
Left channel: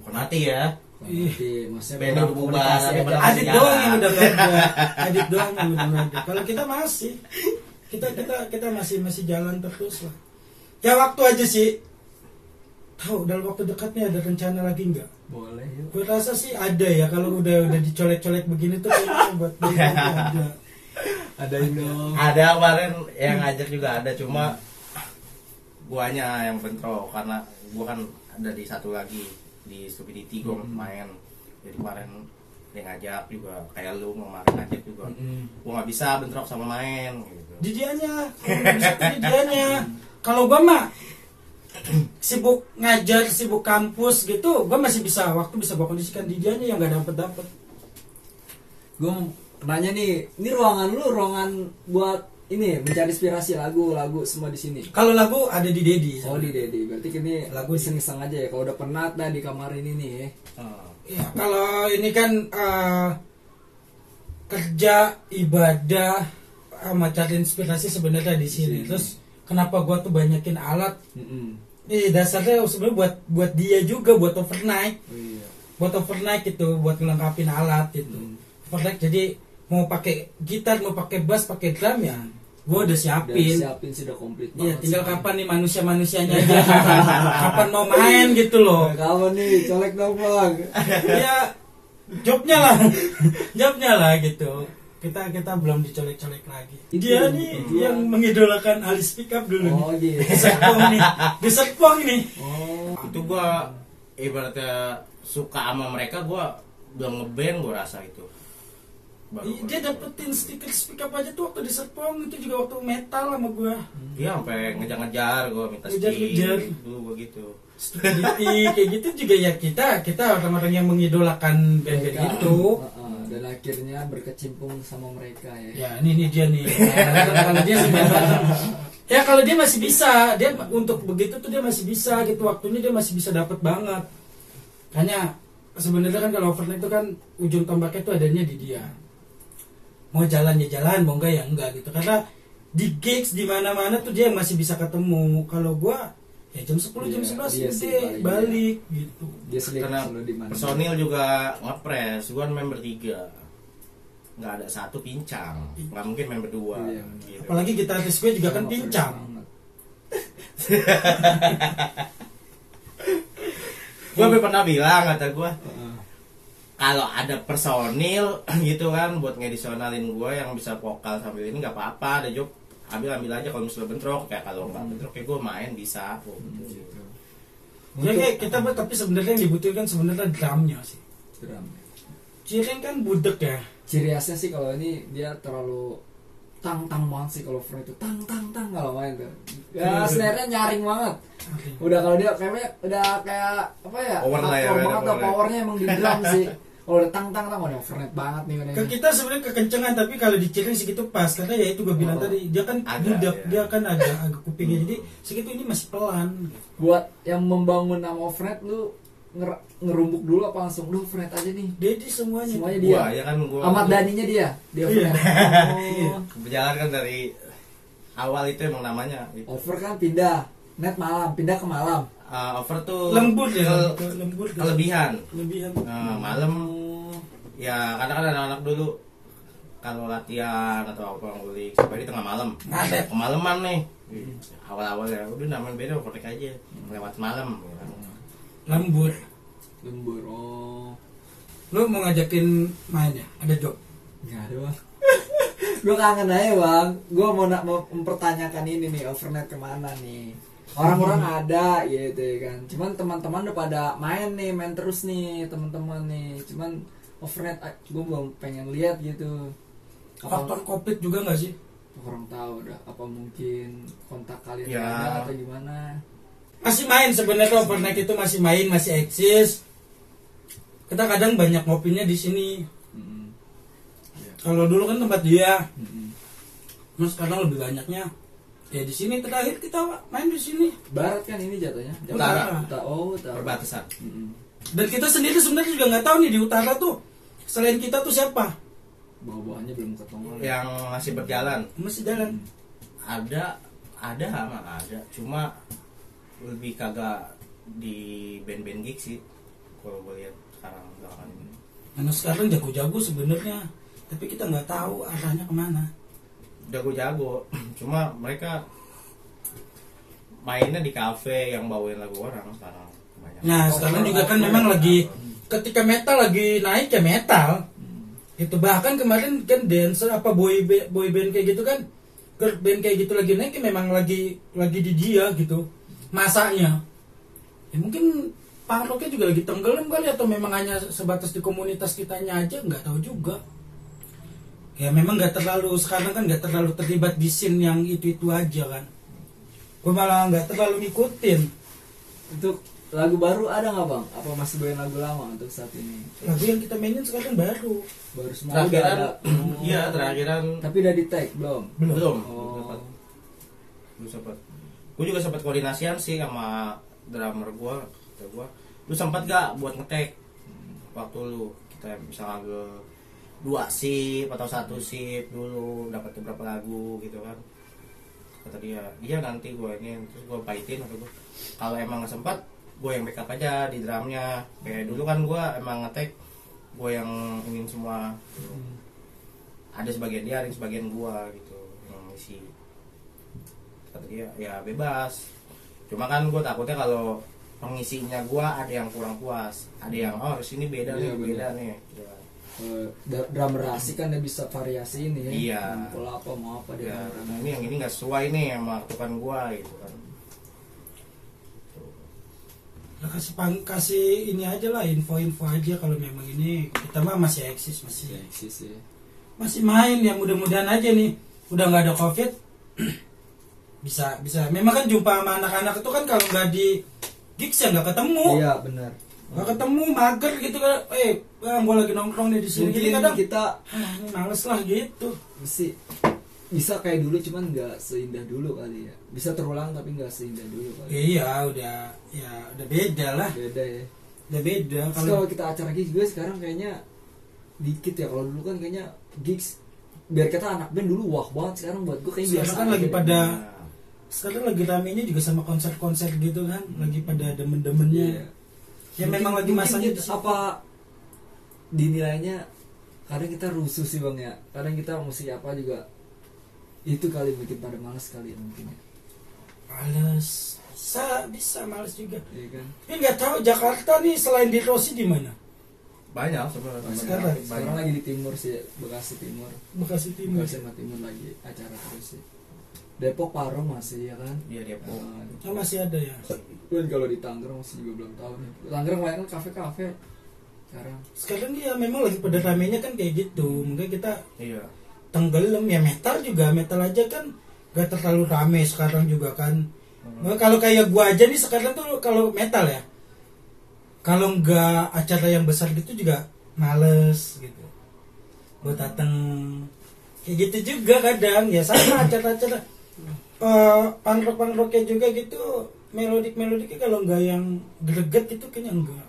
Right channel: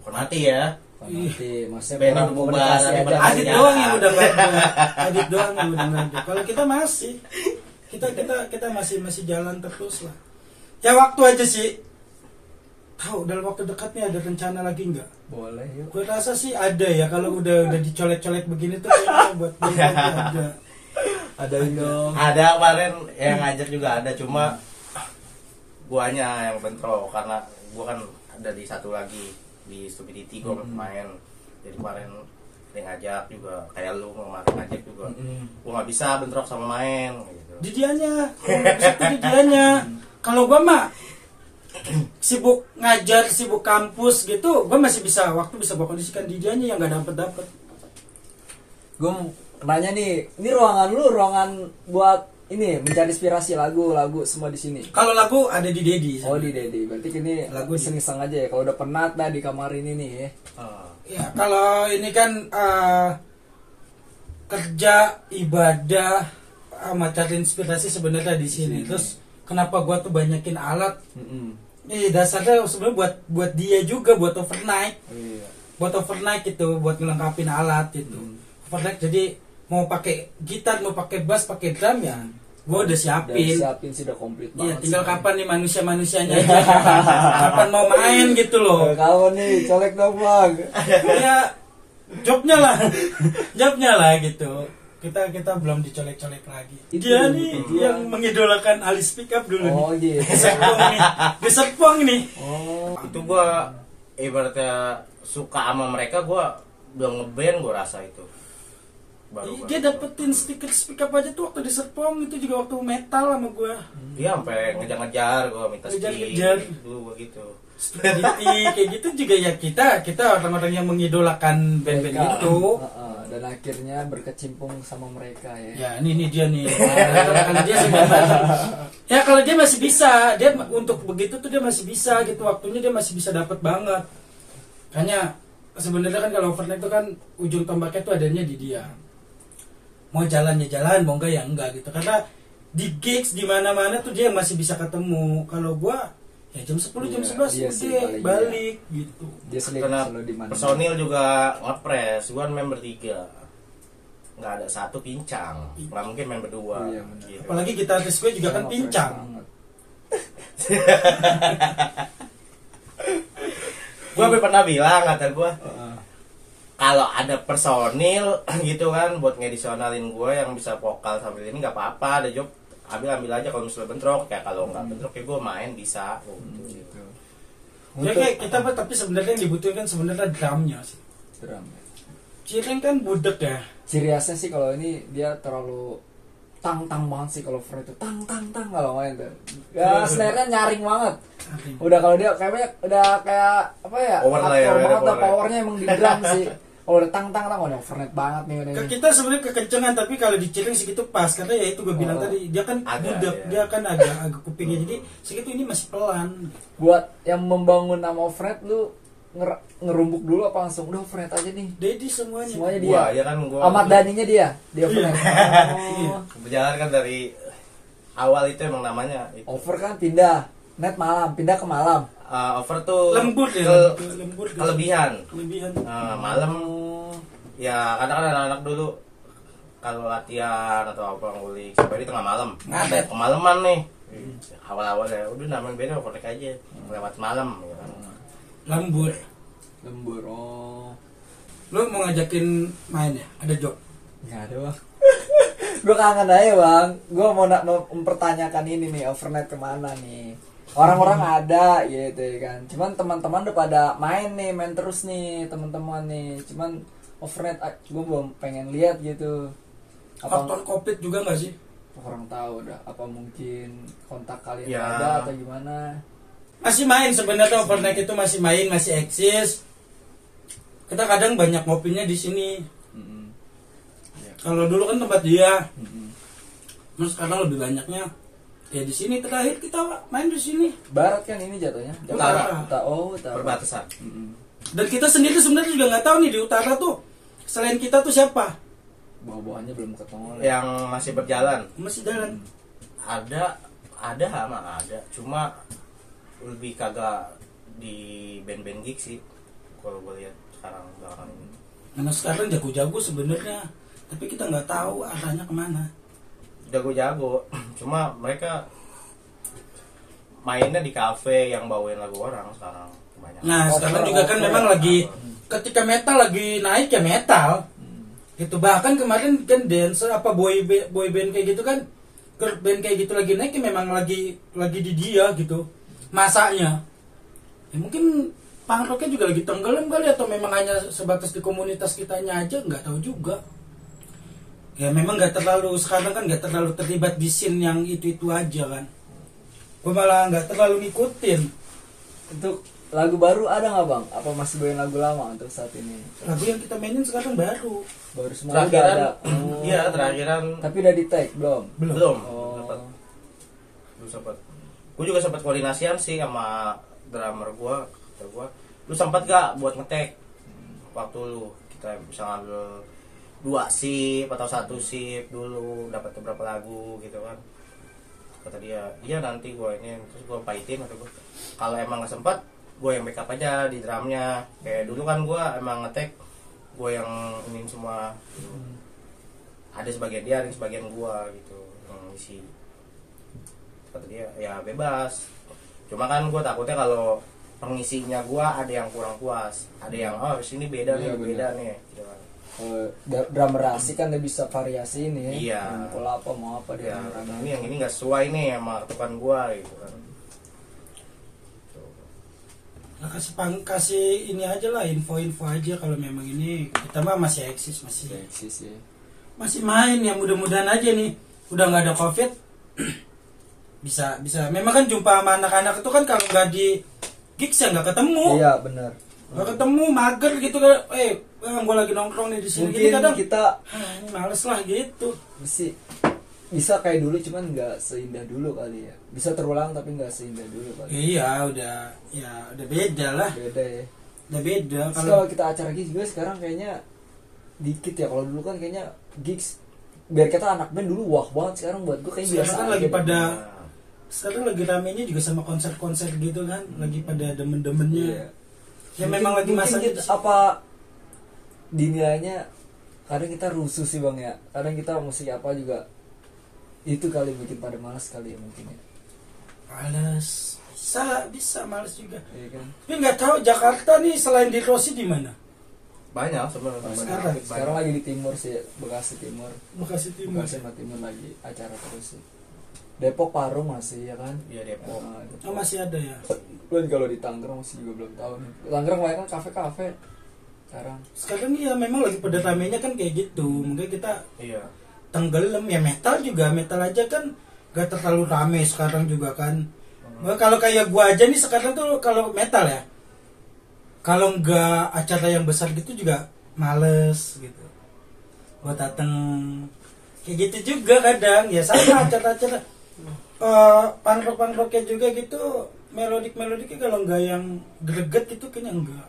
Bukan mati ya. Nanti maksudnya Band kurang udah bubar, komunikasi ada aja. pada Adit doang yang udah nggak ada. Adit doang yang udah nggak ada. Kalau kita masih, kita masih jalan terus lah. Ya waktu aja sih. Tahu dalam waktu dekat nih ada rencana lagi nggak? Boleh yuk. Gue rasa sih ada ya kalau udah dicolek-colek begini tuh kayaknya buat ada. Ada dong. Ada kemarin yang ngajak juga ada, cuma guanya yang bentrok karena gua kan ada di satu lagi di Stupidity gua main. Jadi kemarin dia ngajak juga kayak lu kemarin ngajak juga. Gua nggak bisa bentrok sama main gitu. Di dianya, kalau nggak bisa tuh di dianya. Kalau gue mah sibuk ngajar, sibuk kampus gitu, gue masih bisa waktu bisa gue kondisikan di dianya yang nggak dapet. Gue nanya nih, ini ruangan lu ruangan buat ini mencari inspirasi lagu semua di sini. Kalau lagu ada di Dedi. Oh di Dedi, berarti ini Lagu lagu iseng-iseng aja ya. Kalau udah penat dah di kamar ini nih. Ya kalau ini kan kerja ibadah sama cari inspirasi sebenarnya di sini. Terus kenapa gua tuh banyakin alat? Dasarnya sebenarnya buat dia juga buat overnight. Iya. Buat overnight gitu, buat ngelengkapin alat gitu. Overnight jadi mau pakai gitar, mau pakai bass, pakai drum ya. Gua udah Udah siapin. siapin sih udah komplit Iya, banget. tinggal sih. kapan nih manusia-manusianya aja. Kapan mau main gitu loh. Kawan nih, colek dong bang. Ya jobnya lah gitu. Kita belum dicolek-colek lagi. Itu Dia yang nih kedua. yang mengidolakan Ali Speak Up dulu Oh nih. gitu. Di Serpong nih. Oh. Itu gua ibaratnya suka sama mereka, gua udah ngeband gua rasa itu. Dia dapetin stiker Speak Up aja tuh waktu di Serpong, itu juga waktu metal sama gua. Iya sampai ngejar-ngejar gua minta Ngejar-ngejar. stick dulu gua gitu. Stupidity kayak gitu juga ya kita orang-orang yang mengidolakan band-band Mereka, itu. dan akhirnya berkecimpung sama mereka ya. Ya ini dia nih. Kalau dia sih memang. Ya kalau dia masih bisa, dia untuk begitu tuh dia masih bisa gitu, waktunya dia masih bisa dapat banget. Makanya sebenarnya kan kalau overnight itu kan ujung tombaknya tuh adanya di dia. Mau jalan ya jalan, mau enggak ya enggak gitu. Karena di gigs di mana-mana tuh dia masih bisa ketemu. Kalau gua ya jam 10 jam 11 Iya sih, udah balik gitu. Dia sendiri Karena selalu di mana. personil juga ngepres, gua kan member 3. Nggak ada satu pincang, nggak mungkin main berdua. Iya, benar. Gitu. Apalagi gitaris gue juga kan pincang. Gue pernah bilang, kata gue, kalau ada personil gitu kan buat ngedisionalin gue yang bisa vokal sambil ini nggak apa-apa, ada job ambil aja. Kalau misalnya bentrok, kayak kalau nggak bentrok ya gue main bisa. Gitu. Ya kayak kita mah, tapi sebenarnya yang dibutuhkan sebenarnya drumnya sih. Drum. Cireng kan budek ya. Ciri khasnya sih kalau ini dia terlalu tang banget sih kalau Fred itu tang kalau main tuh. Ya snare-nya nyaring banget. Udah kalau dia kayak udah kayak apa ya? Power lah ya, hardcore ada banget lah, power ya. powernya emang di drum sih. Kalau udah tang oh, overnight banget nih udah. Ke kita sebenarnya kekencengan, tapi kalau di Cireng segitu pas, karena ya itu gue bilang tadi, dia kan budak, dia kan agak kupingnya, jadi segitu ini masih pelan. Buat yang membangun nama overnight lu ngerumbuk dulu apa langsung udah overnight aja nih? Jadi semuanya dia. Gua ya kan gua. Ahmad Dhaninya dia overnight. Berjalan kan dari awal itu emang namanya itu. Over kan pindah, net malam, pindah ke malam. Over tuh lembut ya, kelebihan. Malam Oh. ya kadang-kadang anak-anak dulu kalau latihan atau apa ngulik sampai di tengah malam. Ngadet. Kemalaman nih. Awal-awal ya udah namanya beda overnight aja. Lewat malam ya kan. Lembur. Oh. Lu mau ngajakin main ya? Ada job? Nggak ada bang. Gue kangen aja bang. Gue mau mempertanyakan ini nih, overnight kemana nih? Orang-orang ada gitu ya kan. Cuman teman-teman udah pada main terus nih teman-teman nih. Cuman overnight gue belum pengen lihat gitu. Faktor covid juga nggak sih? Kurang tahu dah. Apa mungkin kontak kalian Ya. ada atau gimana? Masih main sebenarnya, overnight itu masih main, masih eksis. Kita kadang banyak ngopinya di sini. Kalau dulu kan tempat dia, terus sekarang lebih banyaknya ya di sini. Terakhir kita main di sini. Barat kan ini jatuhnya. Utara. Utara. Perbatasan. Dan kita sendiri sebenarnya juga nggak tahu nih di utara tuh selain kita tuh siapa. Bawa-bawaannya belum ketemu. Yang masih berjalan. Masih jalan. Ada mah ada. Cuma lebih kagak di band-band gig sih. Kalau gue lihat sekarang belakangan ini. Karena sekarang jago-jago sebenarnya, tapi kita nggak tahu arahnya kemana. Jago-jago, cuma mereka mainnya di kafe yang bawain lagu orang sekarang kebanyakan. Nah sekarang juga kan memang lagi ketika metal lagi naik ya metal. Itu bahkan kemarin kan dancer apa boy band kayak gitu kan, girl band kayak gitu lagi naik ya memang lagi di dia gitu masanya. Ya mungkin punk rocknya juga lagi tenggelam kali, atau memang hanya sebatas di komunitas kitanya aja, nggak tahu juga. Ya memang nggak terlalu, sekarang kan nggak terlalu terlibat di scene yang itu aja kan. Gue malah nggak terlalu ngikutin. Untuk lagu baru ada nggak bang? Apa masih bawain lagu lama untuk saat ini? Lagu yang kita mainin sekarang baru Semua udah Terakhiran, ada. iya terakhiran Tapi udah di tag belum? belum. Oh. Lu sempat. Gue juga sempat koordinasian sih sama drummer gue, kata gue, lu sempat gak buat ngetek waktu lu kita bisa ngambil 2 sip atau 1 sip dulu, dapat beberapa lagu gitu kan. Kata dia, iya nanti gue ini, terus gue pahitin atau gue kalau emang nggak sempat gue yang backup aja di drumnya. Kayak dulu kan gue emang ngetek, gue yang ingin semua gitu. Ada sebagian dia, ada sebagian gue gitu yang isi. Kata dia ya bebas, cuma kan gue takutnya kalau pengisinya gue ada yang kurang puas, ada yang sini beda nih, Iya, beda nih gitu kan. Drummer asik kan dia bisa variasi ini ya. Iya. Pola apa mau apa dia. Ya, ini yang ini nggak sesuai nih sama ketukan gue gitu kan. Nah, kasih ini aja lah, info-info aja kalau memang ini kita mah masih eksis, Eksis ya. masih main ya, mudah-mudahan aja nih udah nggak ada covid. bisa memang kan jumpa sama anak-anak itu kan kalau nggak di gigs ya nggak ketemu. Iya benar. Nggak ketemu, mager gitu kan. Gue lagi nongkrong nih di sini. Mungkin Jadi kadang kita ini males lah gitu. bisa kayak dulu cuman nggak seindah dulu kali ya. Bisa terulang tapi nggak seindah dulu kali. Iya udah beda lah. Beda ya. Udah beda. Terus kalau kita acara gigs juga sekarang kayaknya dikit ya. Kalau dulu kan kayaknya gigs biar kita anak band dulu wah banget, sekarang buat gue kayak biasa sekarang kan aja lagi deh. pada sekarang lagi ramenya juga sama konser-konser gitu kan, lagi pada demen-demennya. Iya. Ya memang lagi Mungkin masanya kita, apa dinilainya kadang kita rusuh sih bang ya, kadang kita musik apa juga itu kali bikin pada malas kali ya mungkin ya. Males, bisa males juga. Iya kan. Tapi nggak tahu Jakarta nih selain di Rossi di mana? Banyak sebenarnya. Sekarang lagi di timur sih, Bekasi Timur. Bekasi Timur. Bekasi sama Timur lagi acara terus sih. Depok Parung masih ya kan. Iya Depok. Oh masih ada ya. Dan kalau di Tangerang masih juga belum tahu nih. Tangerang banyak kan kafe-kafe sekarang. Sekarang ya memang lagi pada ramenya kan kayak gitu. Mungkin kita Iya. tenggelam ya, metal juga, metal aja kan gak terlalu rame sekarang juga kan. Kalau kayak gua aja nih sekarang tuh kalau metal ya, kalau nggak acara yang besar gitu juga males gitu buat dateng. Kayak gitu juga kadang ya sama acara-acara punk rocknya juga gitu, melodiknya kalau nggak yang greget gitu kayaknya enggak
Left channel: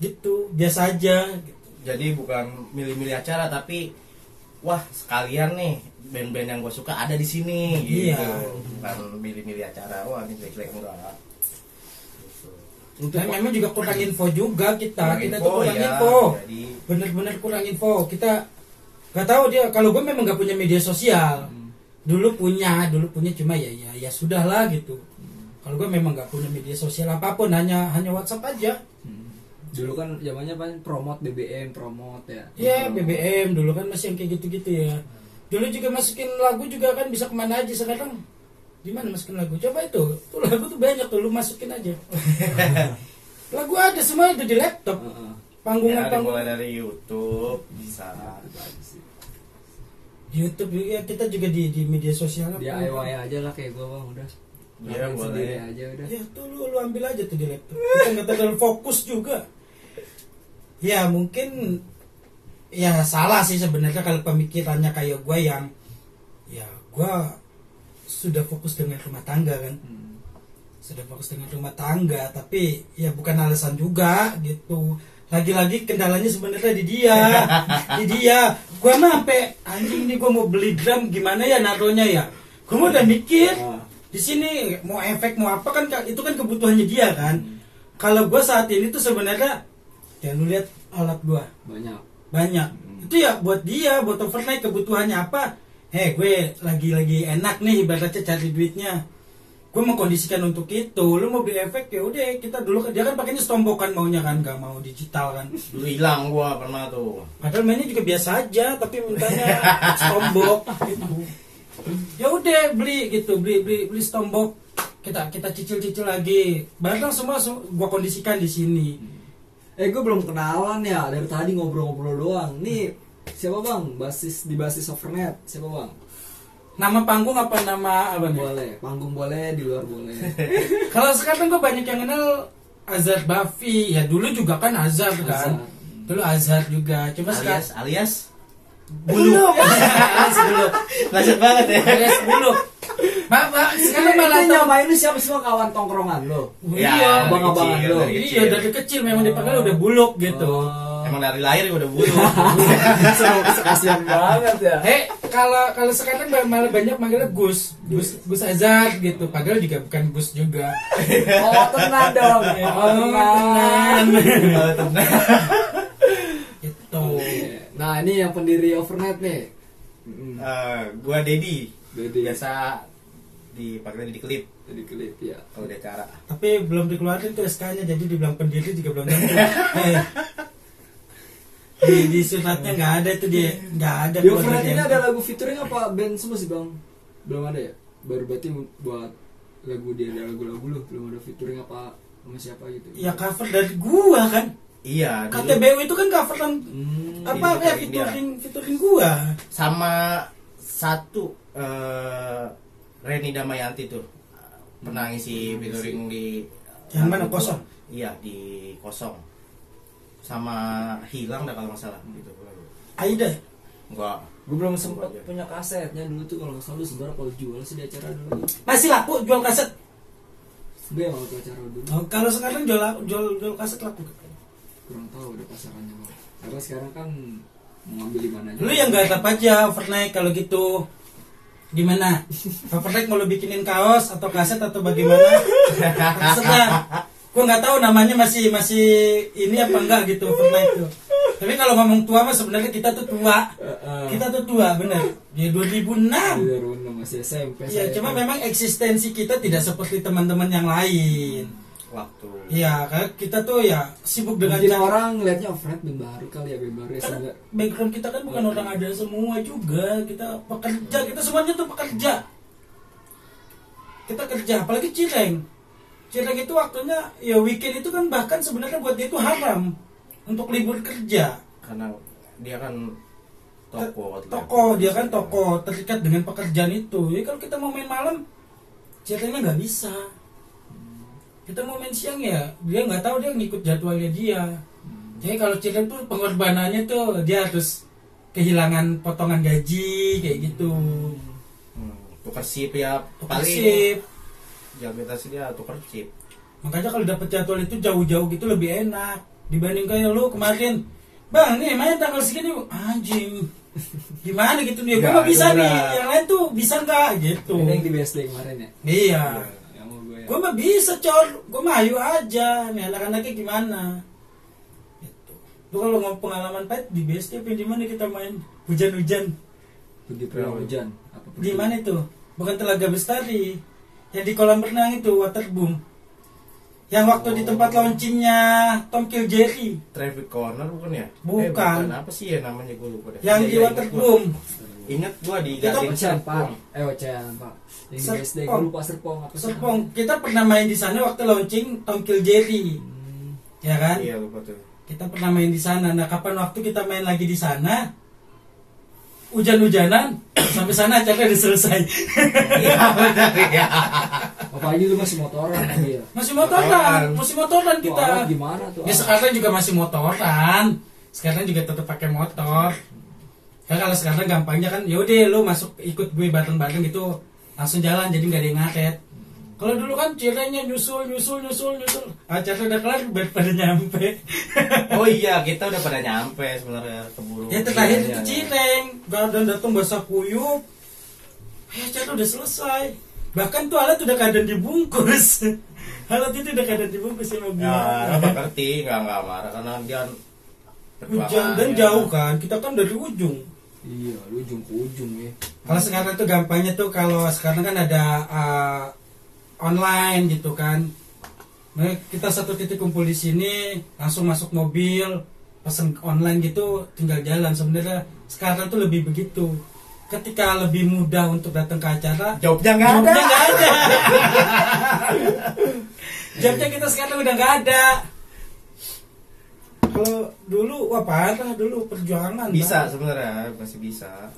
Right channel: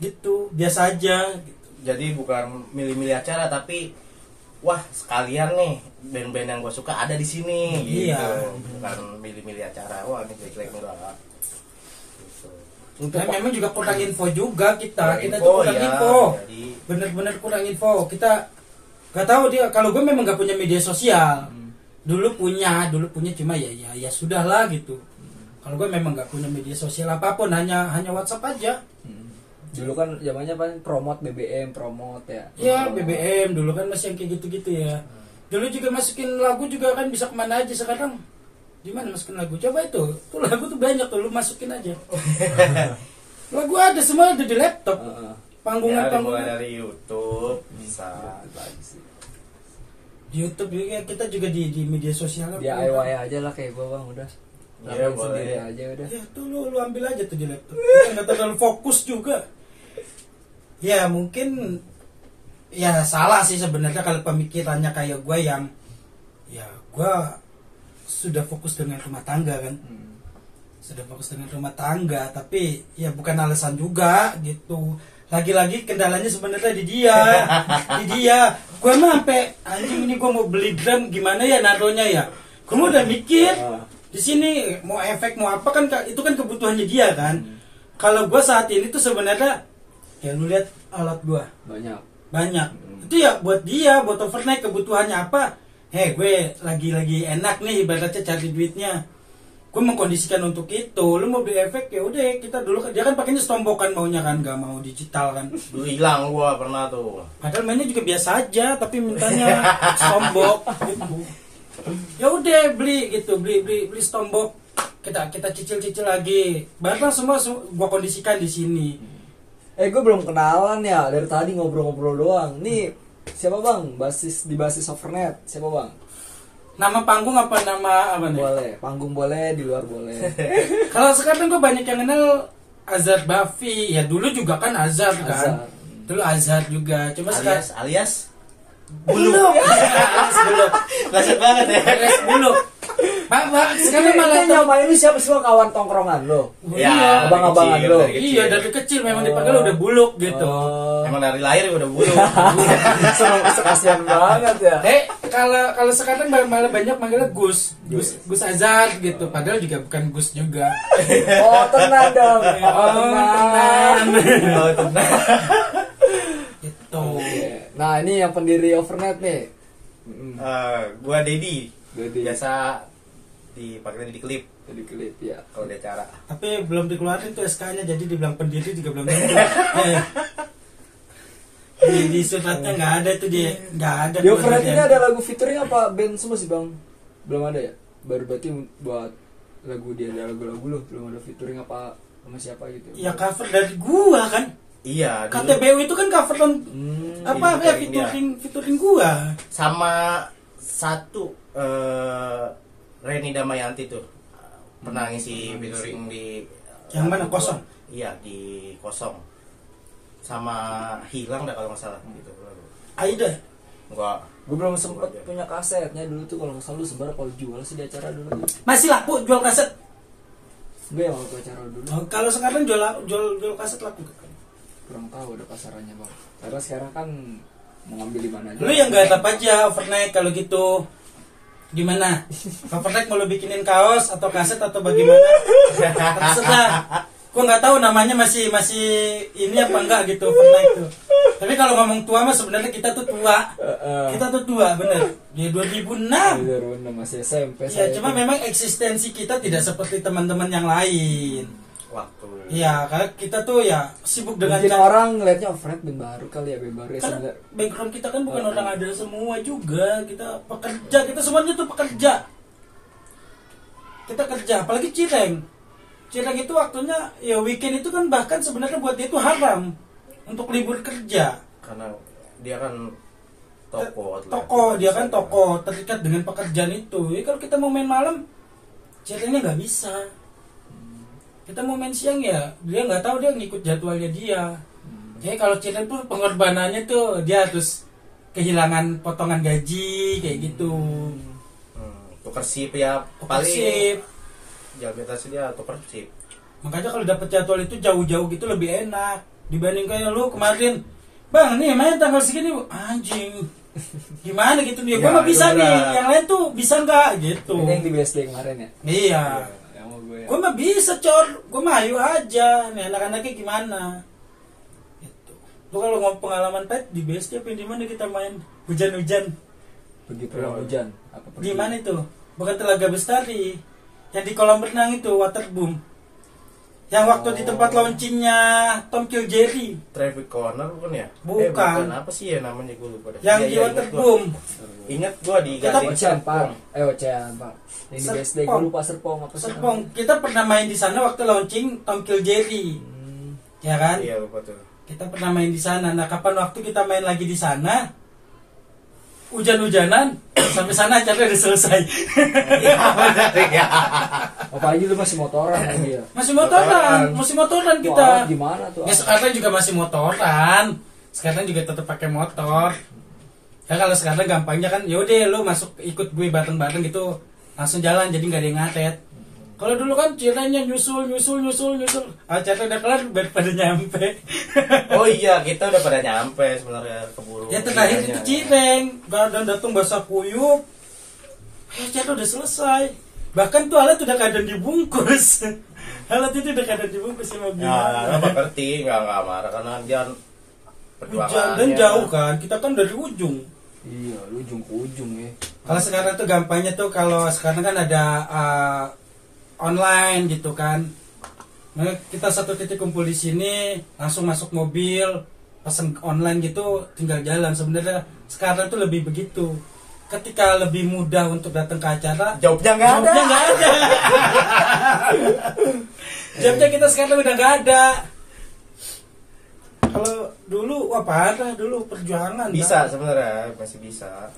gitu, biasa aja gitu. Jadi bukan milih-milih acara tapi wah sekalian nih band-band yang gue suka ada di sini gitu. Iya. Bukan milih-milih acara. Wah ini jelek-jelek enggak. Gitu. Nah, memang juga kurang info juga kita Kurang tuh info, kurang ya. info, Jadi bener-bener kurang info. Kita nggak tahu dia, kalau gue memang nggak punya media sosial. Dulu punya cuma ya sudahlah gitu. Kalau gue memang nggak punya media sosial apapun, hanya WhatsApp aja. Dulu kan zamannya apa, promote BBM, promote ya. Ya BBM dulu kan masih yang kayak gitu-gitu ya. Dulu juga masukin lagu juga kan bisa kemana aja. Sekarang di mana masukin lagu? Coba itu lagu tuh banyak tuh, lu masukin aja. Lagu ada, semua ada di laptop. ya ada mulai Panggungan dari YouTube bisa. YouTube juga, kita juga di media sosial. DIY aja lah kayak gue bang, udah. Iya, Lakuin boleh. sendiri aja udah. Ya tuh lu ambil aja tuh di laptop. Kita nggak terlalu fokus juga. Ya mungkin ya salah sih sebenarnya kalau pemikirannya kayak gue yang ya gue sudah fokus dengan rumah tangga kan. Sudah fokus dengan rumah tangga, tapi ya bukan alasan juga gitu. Lagi-lagi kendalanya sebenarnya di dia. Gue mah sampai anjing ini gue mau beli drum gimana ya naruhnya ya. Gue udah mikir di sini mau efek mau apa kan, itu kan kebutuhannya dia kan. Kalau gue saat ini tuh sebenarnya ya lu lihat alat gue banyak. Itu ya buat dia, buat overnight kebutuhannya apa. Gue lagi enak nih ibaratnya cari duitnya. Gue mengkondisikan untuk itu. Lu mau beli efek ya udah, kita dulu dia kan pakainya stombokan maunya kan, gak mau digital kan. Dulu hilang gua pernah tuh. Padahal mainnya juga biasa aja, tapi mintanya stombok gitu. Ya udah beli gitu, beli stombok. Kita cicil lagi. Barang semua gua kondisikan di sini. Gue belum kenalan ya, dari tadi ngobrol-ngobrol doang. Nih siapa bang? Di basis Overnet siapa bang? Nama panggung apa nama apa nih? Boleh, panggung boleh, di luar boleh. Kalau sekarang gue banyak yang kenal Azhar Bafi. Ya dulu juga kan Azhar kan. Dulu Azhar juga. Cuma sekarang alias Buluk. Alias Buluk. banyak banget ya. Alias Buluk. Pak, sekarang malah Itu nyobain lu siapa semua kawan tongkrongan lo? Iya, abang-abangan dari lo. kecil. Iya dari kecil memang dipanggil udah Buluk gitu. Emang dari lahir udah bulu. Kasian banget ya. Kalau sekarang malah banyak manggilnya Gus Azhar gitu. Padahal juga bukan Gus juga. Oh tenang dong. Tenang. Oh tenang. Gitu. Nah ini yang pendiri Overnet nih. Gua Dedi. Dedi. Biasa dipanggilnya di klip Jadi klip ya. kalau di acara. Tapi belum dikeluarin tuh SK-nya, jadi dibilang pendiri juga belum tentu. Di suratnya nggak ada tuh, dia nggak ada. Di Overnet ini ada lagu featuring apa band semua sih bang? Belum ada ya? Baru berarti buat lagu dia, ada lagu-lagu lu belum ada featuring apa sama siapa gitu? Ya cover dari gua kan. Iya. Dulu KTBU itu kan cover apa ya, featuring gua. sama satu Reni Damayanti tuh pernah ngisi featuring di Yang mana, lagu gua. Kosong? Iya di Kosong. Sama Hilang dah kalau nggak salah gitu lagu. Aida. Enggak. Gue belum sempet punya kasetnya dulu tuh, kalau nggak salah lu sebenarnya kalau jual sih di acara dulu. Masih laku jual kaset. Gue yang waktu acara dulu Oh, kalau sekarang jual kaset laku. kurang tahu ada pasarannya bang. Karena sekarang kan mau ngambil di mana aja. Lu yang garap aja Overnight kalau gitu. Gimana? Overnight mau lu bikinin kaos atau kaset atau bagaimana? Terserah. Gue nggak tahu namanya masih ini apa enggak gitu Overnight tuh. Tapi kalau ngomong tua mah sebenarnya kita tuh tua. Kita tuh tua bener. Di 2006. Bener masih SMP. Ya cuma memang eksistensi kita tidak seperti teman-teman yang lain. Waktu. Ya karena kita tuh ya sibuk dengan mungkin orang ngeliatnya Overnet band baru kali ya, band baru ya karena sebenarnya. background kita kan bukan orang ada semua juga, kita pekerja, kita semuanya tuh pekerja, kita kerja, apalagi Cireng itu waktunya ya weekend itu kan bahkan sebenarnya buat dia itu haram untuk libur kerja Karena dia kan dia kan toko terikat dengan pekerjaan itu. Jadi kalau kita mau main malam Cirengnya nggak bisa, kita mau main siang ya dia nggak tahu, dia ngikut jadwalnya dia. Jadi kalau Cireng pun pengorbanannya tuh dia harus kehilangan potongan gaji kayak gitu. Tukar sip ya Tukar paling sip. jabatan dia tukar sip. Makanya kalau dapet jadwal itu jauh-jauh gitu lebih enak dibanding kayak lu kemarin. Bang, nih main tanggal segini, anjing. Gimana gitu nih? Gue Ya, mah bisa itu nih, berat. yang lain tuh bisa nggak gitu. Ini yang di BSD kemarin ya. Iya. Yang mau gue. Gue mah bisa cor, gue mah ayo aja. Nih anak-anaknya gimana? Gitu. Lu kalau mau pengalaman pet di BSD apa di mana kita main hujan-hujan? Pergi pulau hujan. Apa pergi? Di mana itu? Bukan Telaga Bestari. Yang di kolam renang itu waterboom. Yang waktu di tempat launchingnya Tom Kill Jerry. Traffic corner bukan ya? Bukan. Apa sih ya namanya gue lupa deh. Yang Iya, di iya, waterboom. Ingat gua di Kita Gading Ocean Park. Serpong. Ocean Park. Yang di BSD gue Serpong. lupa Serpong apa sih? Serpong. Kita pernah main di sana waktu launching Tom Kill Jerry. Ya kan? Iya lupa tuh. Kita pernah main di sana. Nah, kapan waktu kita main lagi di sana? Hujan-hujanan sampai sana acara udah selesai. Iya benar ya. Apalagi lu masih motoran lagi ya. Masih Motoran. motoran kita. Wah, gimana tuh? Ya sekarang juga masih motoran. Sekarang juga tetap pakai motor. Ya kalau sekarang gampangnya kan, yaudah lu masuk ikut gue bareng-bareng gitu, langsung jalan jadi nggak ada yang ngaret. Kalau dulu kan ceritanya nyusul. Acara udah kelar biar pada nyampe. Oh iya, kita udah pada nyampe sebenarnya keburu. Ya terakhir itu Iyanya. Cireng, gadang datang basah kuyup. Acara udah selesai. Bahkan tuh alat udah keadaan dibungkus. Alat itu udah keadaan dibungkus sama gue. Ya, nggak ngerti, nggak marah karena dia Hujan dan jauh kan, kita kan dari ujung. Iya, lu ujung ke ujung ya. Kalau sekarang tuh gampangnya tuh kalau sekarang kan ada online gitu kan. Nah, kita satu titik kumpul di sini, langsung masuk mobil, pesen online gitu, tinggal jalan. Sebenarnya sekarang tuh lebih begitu. Ketika lebih mudah untuk datang ke acara, Jawabnya nggak ada. jawabnya nggak ada. Jawabnya kita sekarang udah nggak ada. Kalau dulu, wah parah dulu perjuangan. Bisa Bang. sebenarnya masih bisa.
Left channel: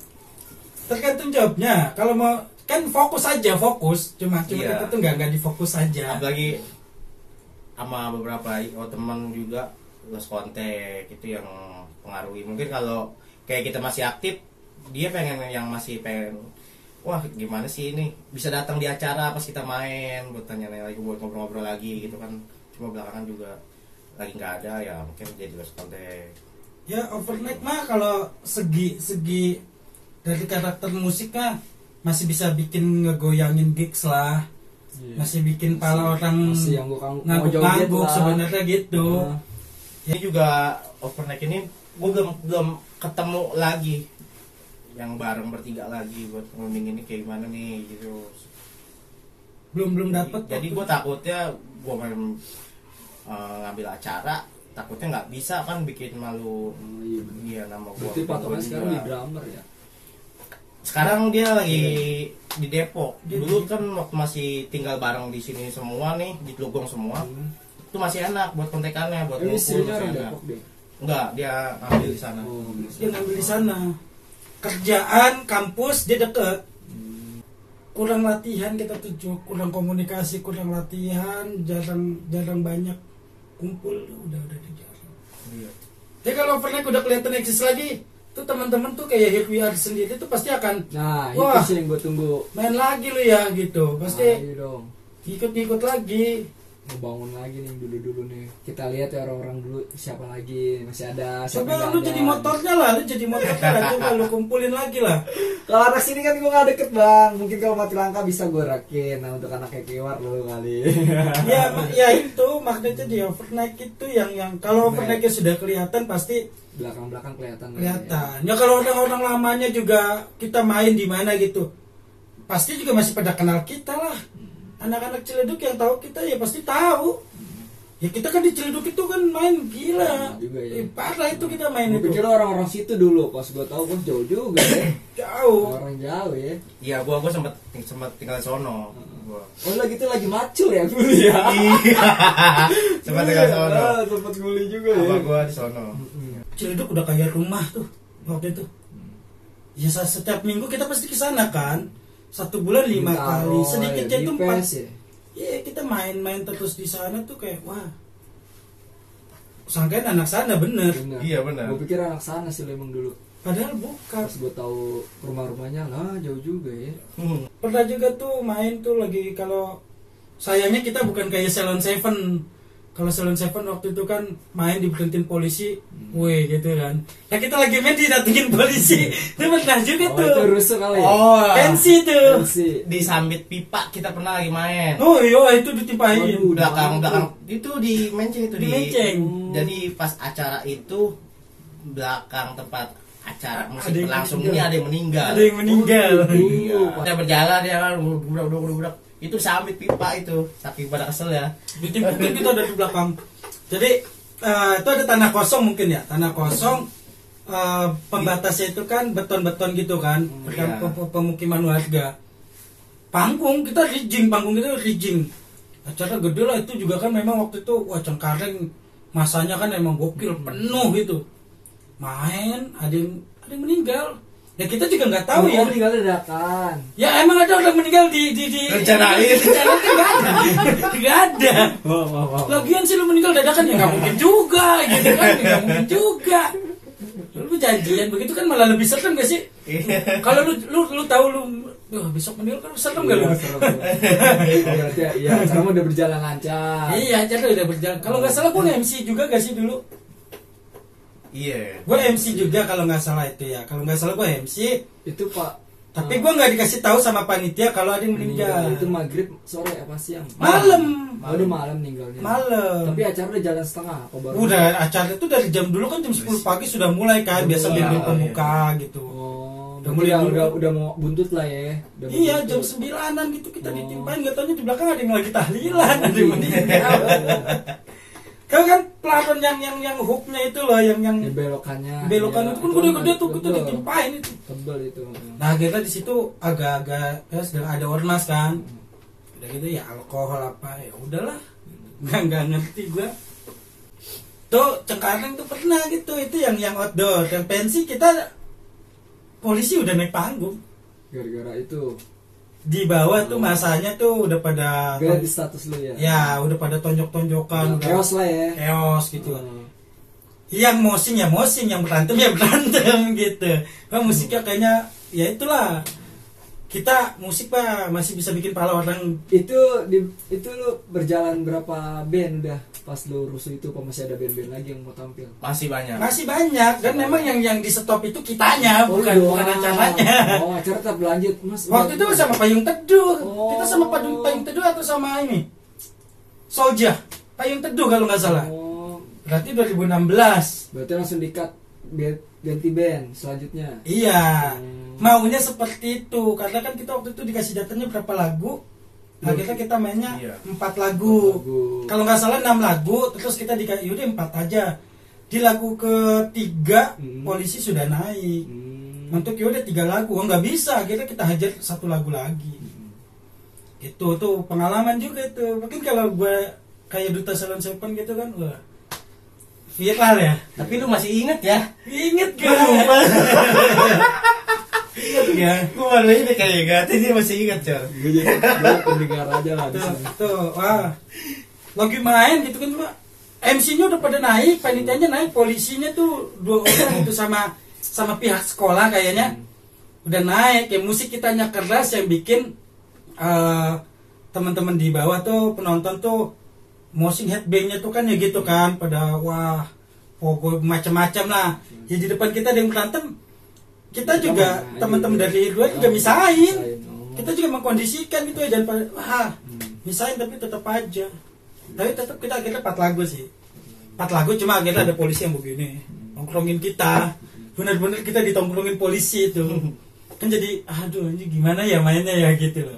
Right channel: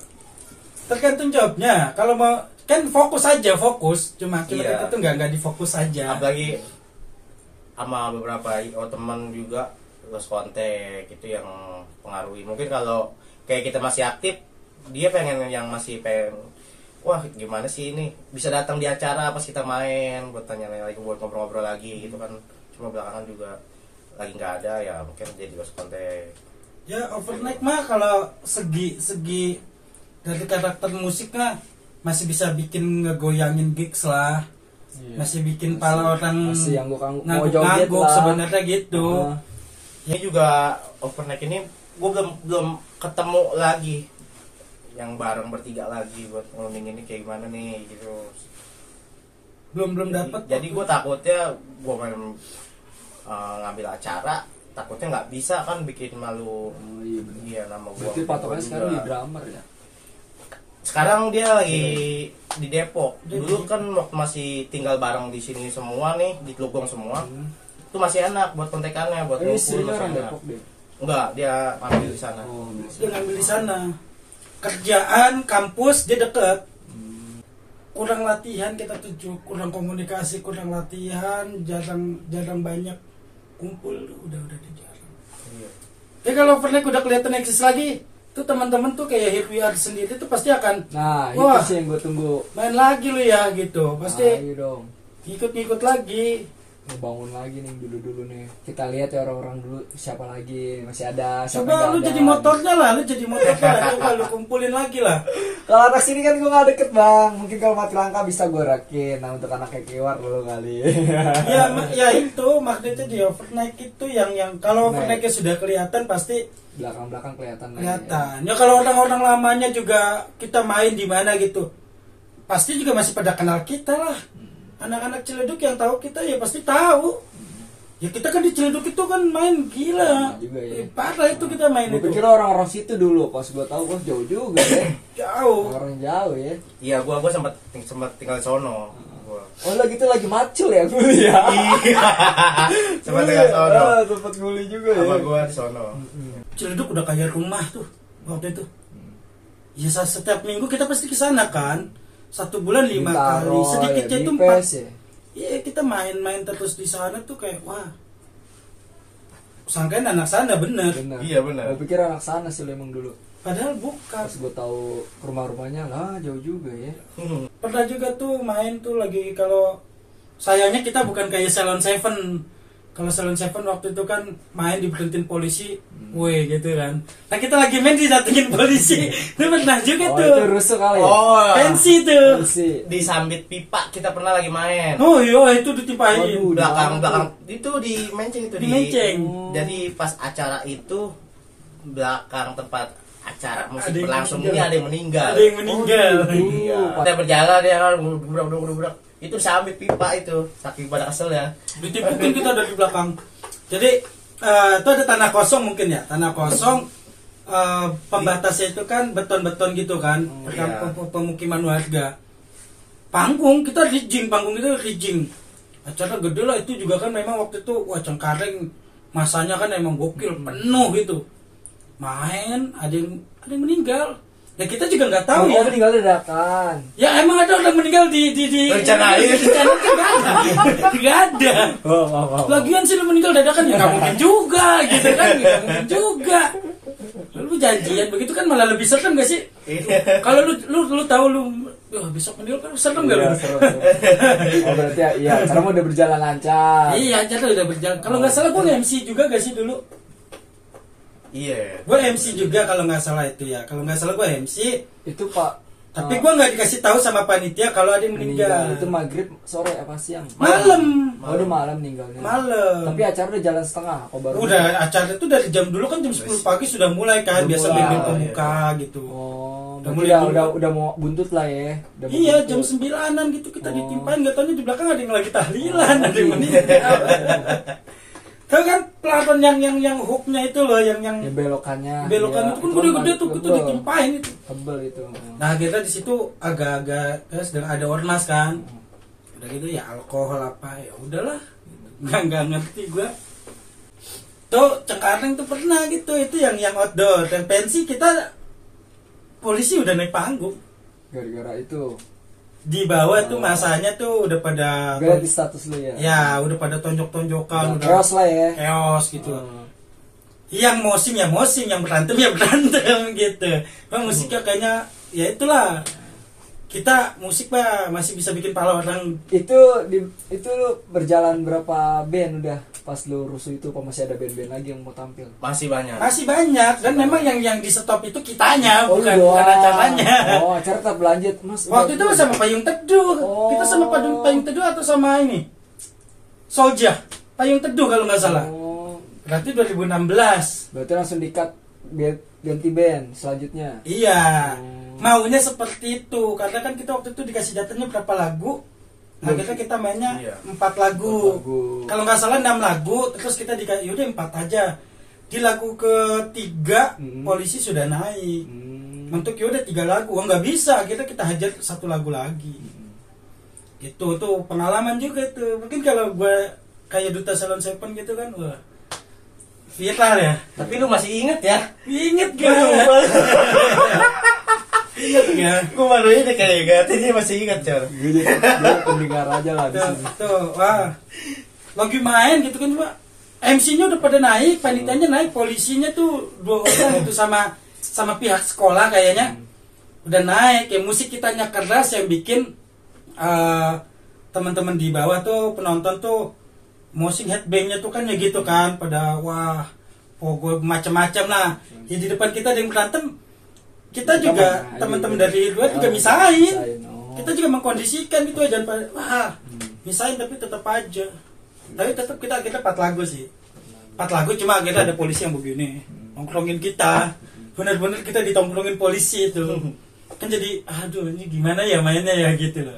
Tergantung jawabnya. Kalau mau kan fokus aja fokus, cuma Iya. kita tuh nggak difokus aja. Apalagi sama beberapa teman juga lost kontak itu yang pengaruhi. Mungkin kalau kayak kita masih aktif, dia pengen yang masih pengen, wah gimana sih ini bisa datang di acara pas kita main buat tanya lagi, buat ngobrol-ngobrol lagi gitu kan. Cuma belakangan juga lagi nggak ada ya, mungkin jadi lost kontak. Ya overnight mah kalau segi dari karakter musiknya masih bisa bikin ngegoyangin gigs lah. Iya. Masih bikin pala orang masih yang gua mau joget ngangguk-ngangguk lah. sebenarnya gitu. Ah. Ini juga overnight ini gue belum ketemu lagi yang bareng bertiga lagi buat ngomongin ini kayak gimana nih gitu. Belum dapat. Jadi gue takutnya gue main ngambil acara, takutnya nggak bisa kan bikin malu. Oh, iya. Iya nama gue. Berarti patokannya sekarang di drummer ya. Sekarang dia lagi di Depok. Dulu kan waktu masih tinggal bareng di sini semua nih, di Telugong semua. Itu masih enak buat kontekannya, buat Ini ngumpul sih masih orang enak. Depok deh. Enggak, dia ambil di sana. Oh, Dia ngambil di sana. Kerjaan kampus dia deket. Kurang latihan kita tuh, kurang komunikasi, kurang latihan, jarang banyak kumpul, udah di jarang. Iya. Jadi kalau overnight udah kelihatan eksis lagi, tuh teman-teman tuh kayak Happy Hour sendiri tuh pasti akan nah, wah, itu sih yang gue tunggu. main lagi lo ya gitu. Pasti Ayo dong. ikut-ikut lagi. Ngebangun lagi nih dulu nih. Kita lihat ya orang-orang dulu siapa lagi masih ada. Siapa Coba yang lu nggak jadi ada. motornya lah, lu jadi motornya lah, coba lu kumpulin lagi lah. Kalau anak sini kan gue gak deket bang. Mungkin kalau mati langka bisa gue rakin. Nah untuk anak kayak Kiwar lo kali. Ya itu maksudnya di overnight itu yang kalau overnight sudah kelihatan pasti Belakang-belakang kelihatan. kelihatan. Ya kalau orang-orang lamanya juga kita main di mana gitu, pasti juga masih pada kenal kita lah. Anak-anak Ciledug yang tahu kita ya pasti tahu. Ya kita kan di Ciledug itu kan main gila. Juga ya. Parah itu kita main Gue itu. pikir orang-orang situ dulu. Pas gue tahu gue jauh juga ya. Jauh. Orang jauh ya. Iya, gua sempat tinggal di sono. Gua. Oh lah gitu lagi macul ya kuliah. Iya. Sempat tinggal di sono. Tempat nguli juga ya. Sama gua di sono. Ciledug udah kayak rumah tuh waktu itu. Ya setiap minggu kita pasti ke sana kan. 1 bulan 5 kali. Bintaro, Sedikitnya ya, itu di 4. PES ya. Iya kita main-main terus di sana tuh kayak wah. sangkain anak sana bener. Benar. Iya, benar. Gue pikir anak sana sih lo emang dulu. Padahal bukan. Pas gue tahu rumah-rumahnya lah jauh juga ya. Pernah juga tuh main tuh lagi, kalau sayangnya kita bukan kayak Salon Seven. Kalau Salon Seven waktu itu kan main diberhentiin polisi, weh gitu kan. Nah kita lagi main didatengin polisi. Itu pernah juga Oh tuh. itu rusuh kali ya. Oh, Pensi tuh. Pensi. di Sambit Pipa kita pernah lagi main. Oh iya itu ditimpahin. Waduh. Belakang itu di Menceng itu Di Menceng. Jadi pas acara itu belakang tempat acara musik Ada yang berlangsung meninggal. ini ada yang meninggal. Ada yang meninggal. Iya. Kita berjalan ya kan, gubrak. Itu Sambit Pipa itu, saking pada kesel ya. Ditimpukin kita dari belakang. Jadi itu ada tanah kosong mungkin ya, tanah kosong. Pembatasnya itu kan beton-beton gitu kan, Iya. pemukiman warga. Panggung kita rigging, panggung itu rigging. Acara gede lah itu juga kan, memang waktu itu wah Cengkareng masanya kan emang gokil, penuh gitu. Main ada yang meninggal. Ya kita juga nggak tahu ya. Meninggal dadakan. Ya emang ada orang meninggal di Rencanain. rencanain kan nggak ada. Nggak ada. Lagian sih lu meninggal dadakan ya nggak mungkin juga gitu kan, nggak mungkin juga. Lu janjian begitu kan malah lebih serem gak sih? Kalau lu tahu lu besok meninggal kan serem gak lu? Iya, seru. Oh berarti ya, iya, acara udah berjalan lancar. Iya, acara udah berjalan. Kalau nggak salah gua MC juga gak sih dulu? Iya. Gue MC juga kalau nggak salah itu ya. Kalau nggak salah gue MC. Itu Pak. Tapi gue nggak dikasih tahu sama panitia kalau ada yang meninggal. Itu maghrib sore apa siang? Malam. Oh, udah malam meninggalnya. Malam. Tapi acara udah jalan setengah. Apa baru? Udah acara itu dari jam dulu kan jam 10 pagi sudah mulai kan. Udah Biasa mulai. band Oh, pemuka gitu. Oh, Udah udah mulai dulu. udah mau buntut lah ya. Udah mau Iya buntut. jam 9-an gitu kita Oh. ditimpain. Gak taunya di belakang ada yang lagi tahlilan. Ada yang meninggal. Kau kan pelafon yang hooknya itu loh, yang Ya, belokannya. belokan Iya, itu kan gede-gede tuh, itu tebel. ditimpain itu. Tebel itu. Nah kita di situ agak-agak sedang ada ormas kan, udah gitu ya alkohol apa ya udahlah, nggak ngerti gua. Tuh Cengkareng tuh pernah gitu, itu yang outdoor. Dan pensi kita polisi udah naik panggung, Gara-gara itu. di bawah tuh masanya tuh udah pada Beda di status lu ya. ya udah pada tonjok-tonjokan, udah Chaos lah ya. chaos gitu. Hmm. Yang mosing ya mosing, yang berantem ya berantem gitu. Bang musiknya kayaknya ya itulah. Kita musik Pak masih bisa bikin pala orang. Itu lu berjalan berapa band udah pas lu rusuh itu, apa masih ada band-band lagi yang mau tampil? Masih banyak. Masih banyak dan memang yang di stop itu kitanya bukan lu doang. acaranya. Oh, acara tetap lanjut, Mas. Waktu itu sama Payung Teduh. Oh. Kita sama Payung Teduh atau sama ini? Soldier. Payung Teduh kalau nggak salah. Oh, Berarti 2016. berarti langsung dikat ganti band selanjutnya. Iya. Maunya seperti itu karena kan kita waktu itu dikasih datanya berapa lagu. Nah kita mainnya Iya. 4 lagu. 4 lagu. Kalau nggak salah 6 lagu, terus kita dikasih yaudah 4 aja. Di lagu ketiga polisi sudah naik. Untuk yaudah 3 lagu, oh nggak bisa, kita hajar 1 lagu lagi. Itu tuh pengalaman juga itu. Mungkin kalau gue kayak Duta Salon Seven gitu kan, wah viral ya. Tapi lu masih inget ya? Ingat Gua gak? lupa. Ingat gak? Gue baru ini kayak gak, dia masih inget Cor. Gue pendengar aja lah di sini. Tuh, wah. Lagi main gitu kan, Pak. MC-nya udah pada naik, panitianya naik, polisinya tuh 2 orang itu sama pihak sekolah kayaknya. Udah naik, ya musik kitanya keras yang bikin teman-teman di bawah tuh penonton tuh moshing headbangnya tuh kan ya gitu kan, pada wah, gue macam-macam lah. Ya di depan kita ada yang berantem, kita juga teman-teman dari luar juga misahin. Kita juga mengkondisikan gitu ya, dan wah misahin tapi tetap aja. Tapi tetap kita akhirnya 4 lagu sih. 4 lagu cuma akhirnya ada polisi yang begini nongkrongin kita. Benar-benar kita ditongkrongin polisi itu. Kan jadi aduh ini gimana ya mainnya ya gitu loh.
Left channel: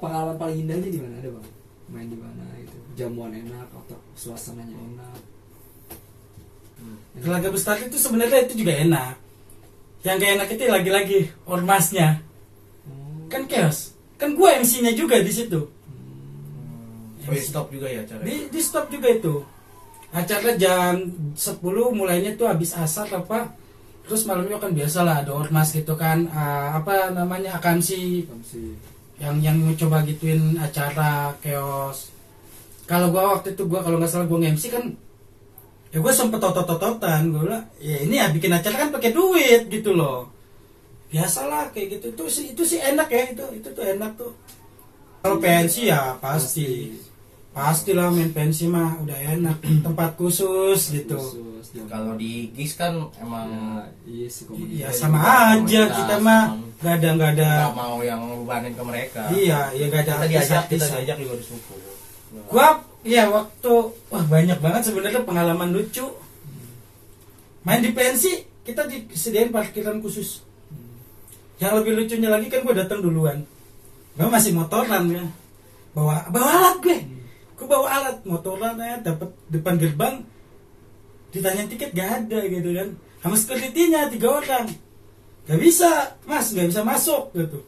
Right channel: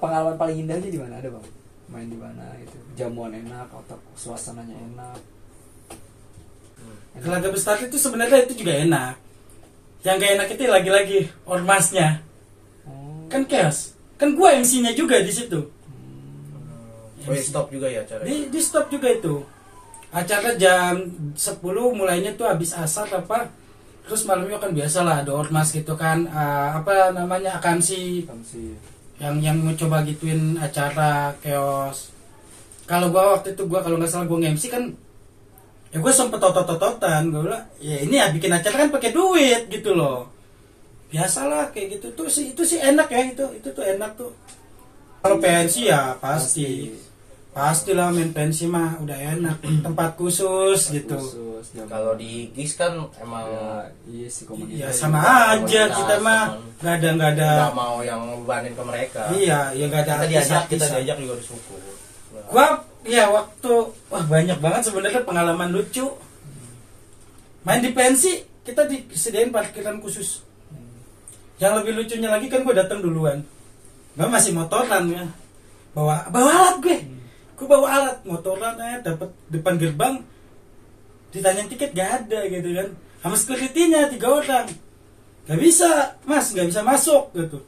Pengalaman paling indahnya di mana ada, Bang? Main di mana itu? Jamuan enak atau suasananya enak? Laga besar itu sebenarnya itu juga enak. Yang gak enak itu lagi-lagi ormasnya. Kan chaos. Kan gua MC-nya juga di situ. Oh, stop juga ya cara. Di stop juga itu. Acara jam 10 mulainya tuh habis asar apa. Terus malamnya kan biasa lah ada ormas gitu kan. Apa namanya akansi. Yang coba gituin acara chaos. Kalau gua waktu itu kalau nggak salah gua nge-MC kan Ya gue sempet totot-tototan, gue bilang, ya ini ya bikin acara kan pakai duit gitu loh. Biasalah kayak gitu tuh sih, itu sih enak ya, itu tuh enak tuh. Kalau pensi ya pastilah main pensi mah udah enak, tempat khusus gitu. Kalau di gigs kan emang iya sih Ya sama aja kita mah nggak ada nggak mau yang ngebebanin ke mereka. Iya, ya nggak ada kita artis-artis. diajak juga disukur. Gua ya waktu banyak banget sebenarnya pengalaman lucu. Main di pensi kita disediain parkiran khusus. Yang lebih lucunya lagi kan gue datang duluan. Gue masih motoran ya. Bawa alat gue. Gue bawa alat motoran ya, dapat depan gerbang. Ditanyain tiket gak ada gitu kan. Sama security-nya 3 orang. Gak bisa, Mas, gak bisa masuk gitu.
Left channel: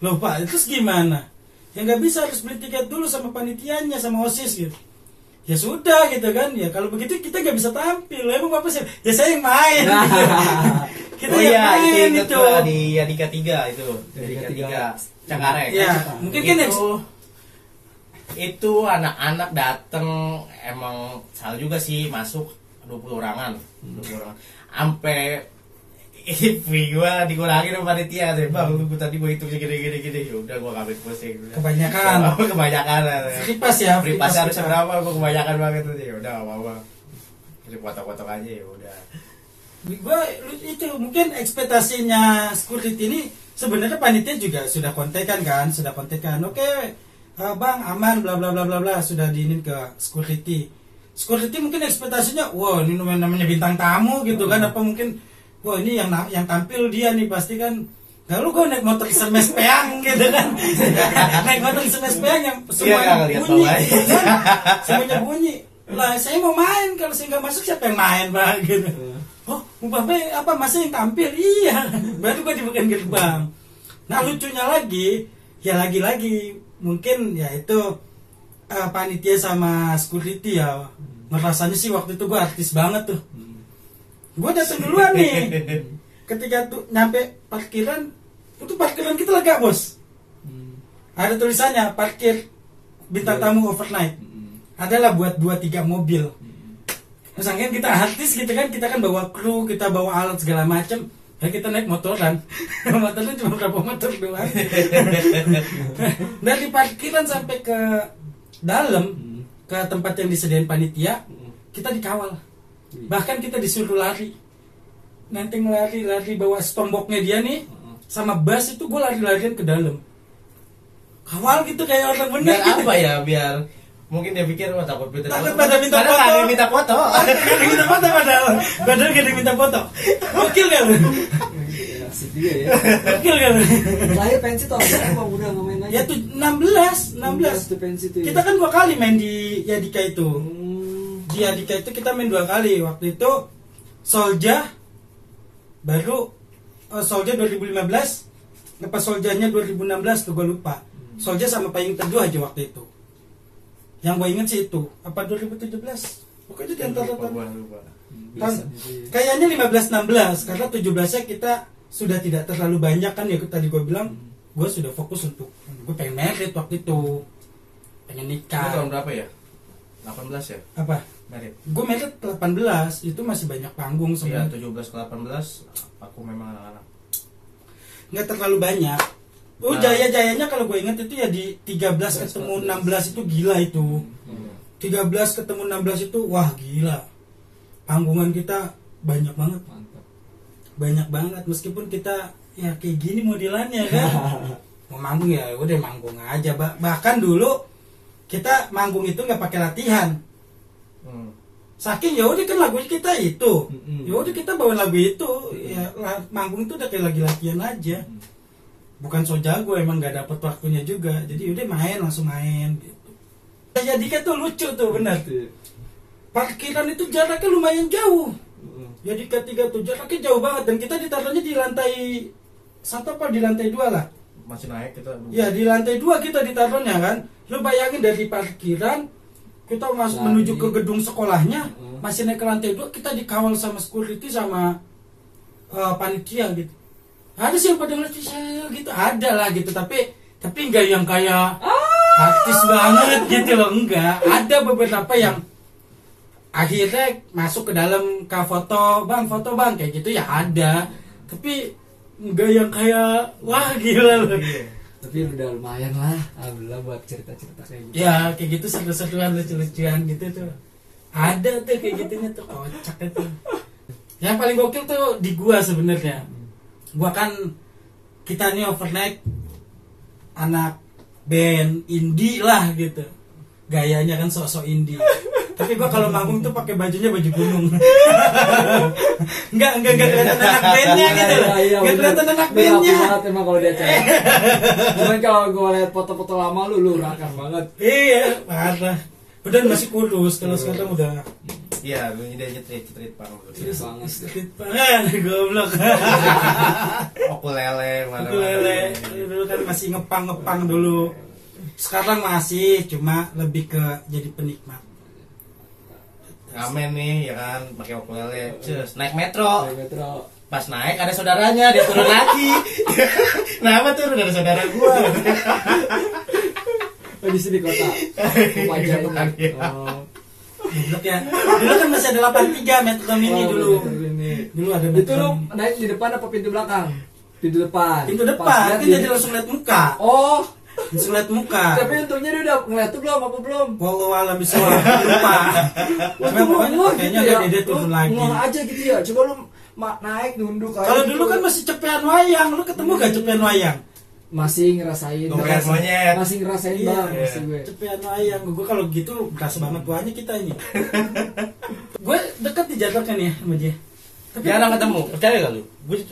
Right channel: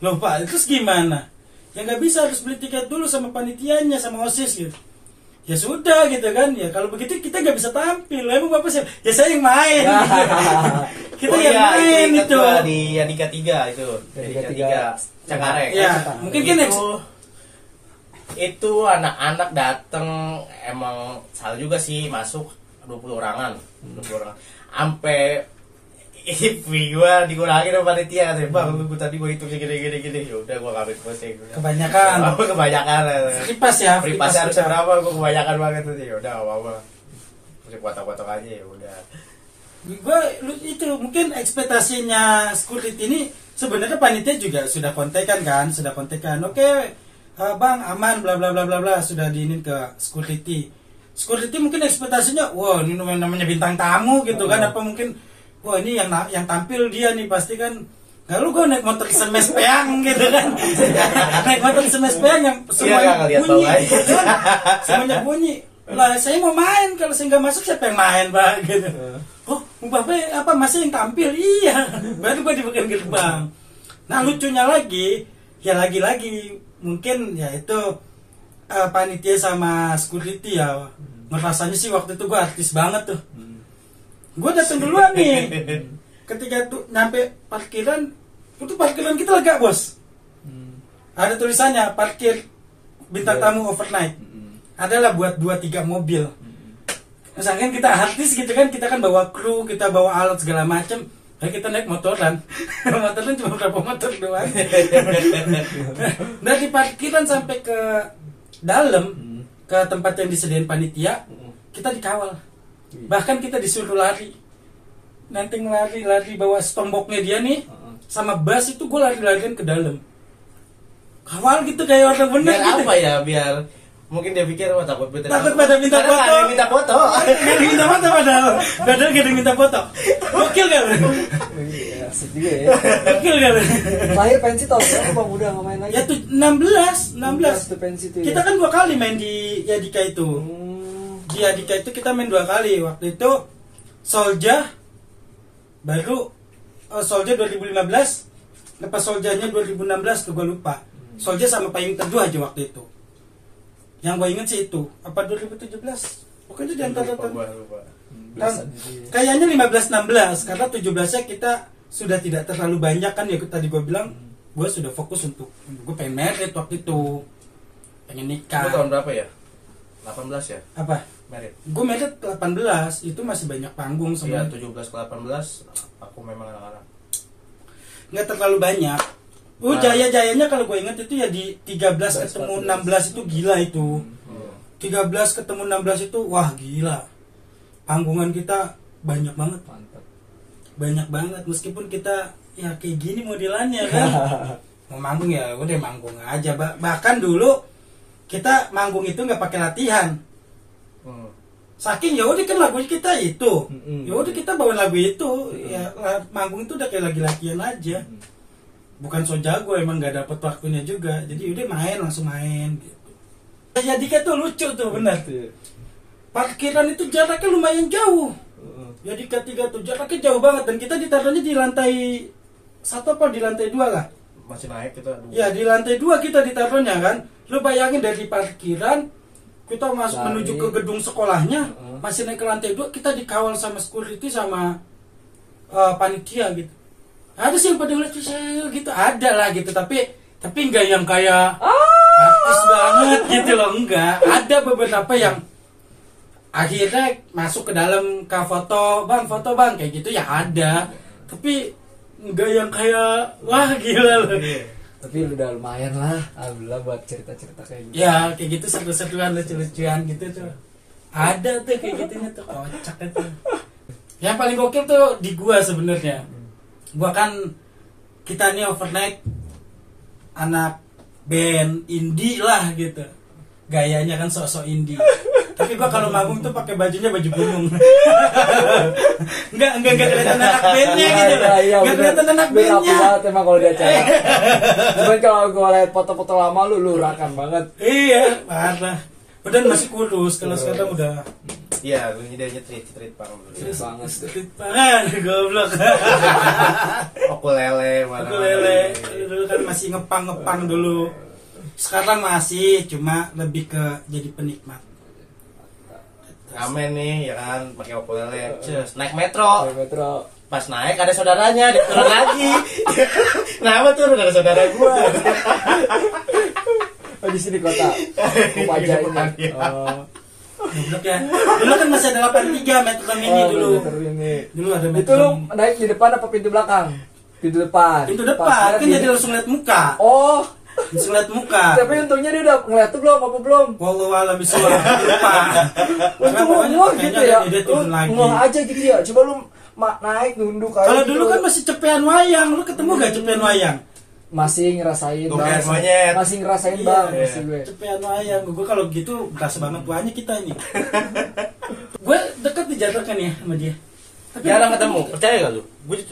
Loh Pak, terus gimana? Ya gak bisa, harus beli tiket dulu sama panitianya, sama OSIS gitu. Ya sudah gitu kan. Ya kalau begitu kita gak bisa tampil. Emang Bapak sih? Ya saya yang main. Kita Oh yang iya, main itu di Adika 3 itu. Adika 3 Cengkareng. Ya, mungkin kan itu anak-anak dateng emang salah juga sih masuk 20 orangan. 20 orangan. Sampai fee gua dikurangin sama panitia katanya, Bang, lu tadi gua hitung gini. Udah gua ngambil pusing. Kebanyakan. Kebanyakan. Fripas ya. Fripas harusnya berapa? Gua kebanyakan banget tuh. Ya udah enggak apa-apa. Mesti potong-potong aja ya udah. Gue itu mungkin ekspektasinya security ini sebenarnya panitia juga sudah kontekan. Oke, Bang aman bla bla bla bla bla, sudah diinin ke security mungkin ekspektasinya wah ini namanya bintang tamu gitu kan, apa mungkin wah ini yang tampil dia nih pasti kan. Lalu gue naik motor SMS peang gitu kan. Naik motor SMS peang yang semuanya bunyi gitu kan. Semuanya bunyi. Lah saya mau main, kalau saya nggak masuk siapa yang main Bang gitu. Oh, Bapak apa masih yang tampil? Iya. Baru gue dibukain gerbang. Nah lucunya lagi, ya lagi-lagi mungkin ya itu panitia sama security ya. Ngerasanya sih waktu itu gue artis banget tuh. Gue datang duluan nih. Ketika tuh nyampe parkiran, itu parkiran kita lega bos. Ada tulisannya parkir bintang tamu overnight. Adalah buat 2-3 mobil. Misalkan kita artis gitu kan, kita kan bawa kru, kita bawa alat segala macem. Dan kita naik motoran. Motoran cuma berapa motor doang. Dari parkiran sampai ke dalam, ke tempat yang disediain panitia, kita dikawal. Bahkan kita disuruh lari. Nanti lari bawa tomboknya dia nih, sama bass itu gue lari-larian ke dalam. Kawal gitu kayak orang bener. Biar gitu. apa ya? Biar mungkin dia pikir takut pada minta foto. Ada yang minta foto. Ada minta foto padahal gak ada yang minta foto. Gokil gak bro? Iya, asik juga ya. Gokil gak bro? Terakhir pensi tahun berapa Bang? Udah nggak main lagi? Ya tuh 16 tuh pensi tuh ya. Kita kan 2 kali main di Yadika itu. Di Yadika itu kita main 2 kali. Waktu itu Solja baru Solja 2015. Lepas Soljanya 2016 tuh gue lupa. Solja sama Payung Teduh aja waktu itu. Yang gue inget sih itu apa 2017 pokoknya di antara kayaknya 15-16 karena 17-nya kita sudah tidak terlalu banyak kan ya tadi gue bilang gue sudah fokus untuk gue pengen merit waktu itu, pengen nikah. Itu tahun berapa ya? 18 ya? Apa? Merit. Gue merit 18 itu masih banyak panggung Iya, sebenarnya. 17 ke 18 aku memang anak-anak. Nggak terlalu banyak. Jaya-jayanya kalau gue inget itu ya di 13 ketemu 16 itu gila itu. 13 ketemu 16 itu wah gila. Panggungan kita banyak banget. Mantap. Banyak banget meskipun kita ya kayak gini modelannya kan. Mau manggung ya udah manggung aja. Bahkan dulu kita manggung itu nggak pakai latihan. Saking ya udah kan lagu kita itu. Ya udah kita bawa lagu itu. Ya manggung itu udah kayak lagi latihan aja. Bukan so jago, emang gak dapet waktunya juga. Jadi udah main, langsung main gitu. Yadika tuh lucu tuh, benar. Parkiran itu jaraknya lumayan jauh. Yadika 3 tuh jaraknya jauh banget. Dan kita ditaruhnya di lantai 1 apa di lantai 2 lah. Masih naik kita. Ya di lantai 2 kita ditaruhnya kan. Lu bayangin dari parkiran kita masuk menuju ke gedung sekolahnya, masih naik ke lantai 2, kita dikawal sama security sama panitia gitu. Ada sih yang pada ngeliat saya gitu, ada lah gitu, tapi enggak yang kayak artis banget gitu loh, enggak. Ada beberapa yang akhirnya masuk ke dalam foto bang kayak gitu ya ada, tapi enggak yang kayak wah gila loh. Tapi udah lumayan lah, alhamdulillah buat cerita-cerita kayak gitu. Ya kayak gitu seru-seruan lucu-lucuan gitu tuh ada tuh kayak gitunya tuh kocak itu. Yang paling gokil tuh di gua sebenarnya. Gua kan kita nih overnight anak band indie lah gitu. Gayanya kan sok-sok indie. Tapi gua kalau manggung tuh pakai bajunya baju gunung. Enggak kelihatan anak bandnya gitu. Iya, Enggak kelihatan anak band bandnya. banget emang kalau di acara. Cuman kalau gua lihat foto-foto lama lu rakan banget. Iya, parah. Padahal masih kurus, kalau sekarang udah Iya, gue nyedanya treat bang. Serius banget. sedikit banget, goblok. Ukulele, Aku lele, dulu kan masih ngepang dulu. Sekarang masih, cuma lebih ke jadi penikmat. Ngamen nih, ya kan, pakai ukulele. Terus naik metro. Dari Metro. Pas naik ada saudaranya, dia turun lagi. Kenapa turun ada saudara gua? Oh di sini kota. Upaya ini. Oh. Goblok ya. Dulu kan masih ada 83 Metro Mini dulu. Metro Mini. Dulu ada Itu Metro lu Mini. naik di depan apa pintu belakang? Pintu depan. Pintu Pas depan, lihat kan di- jadi langsung lihat muka. Oh, Langsung lihat muka. tapi untungnya dia udah ngeliat tuh belum apa belum? Wallahu a'lam bishawab. Lupa. Untung lu ngeh gitu ya. Dia Lu turun lagi. ngeh aja gitu ya. Coba lu naik nunduk aja. Kalau gitu. dulu kan masih cepean wayang, lu ketemu gak cepean wayang? masih ngerasain Tumpuan monyet. masih ngerasain Iya, bang iya. masih gue. Cepean wayang. Gue kalau gitu berasa banget tuanya kita ini. Gue deket dijatuhkan ya sama dia. Tapi Jarang ketemu, percaya gak lu?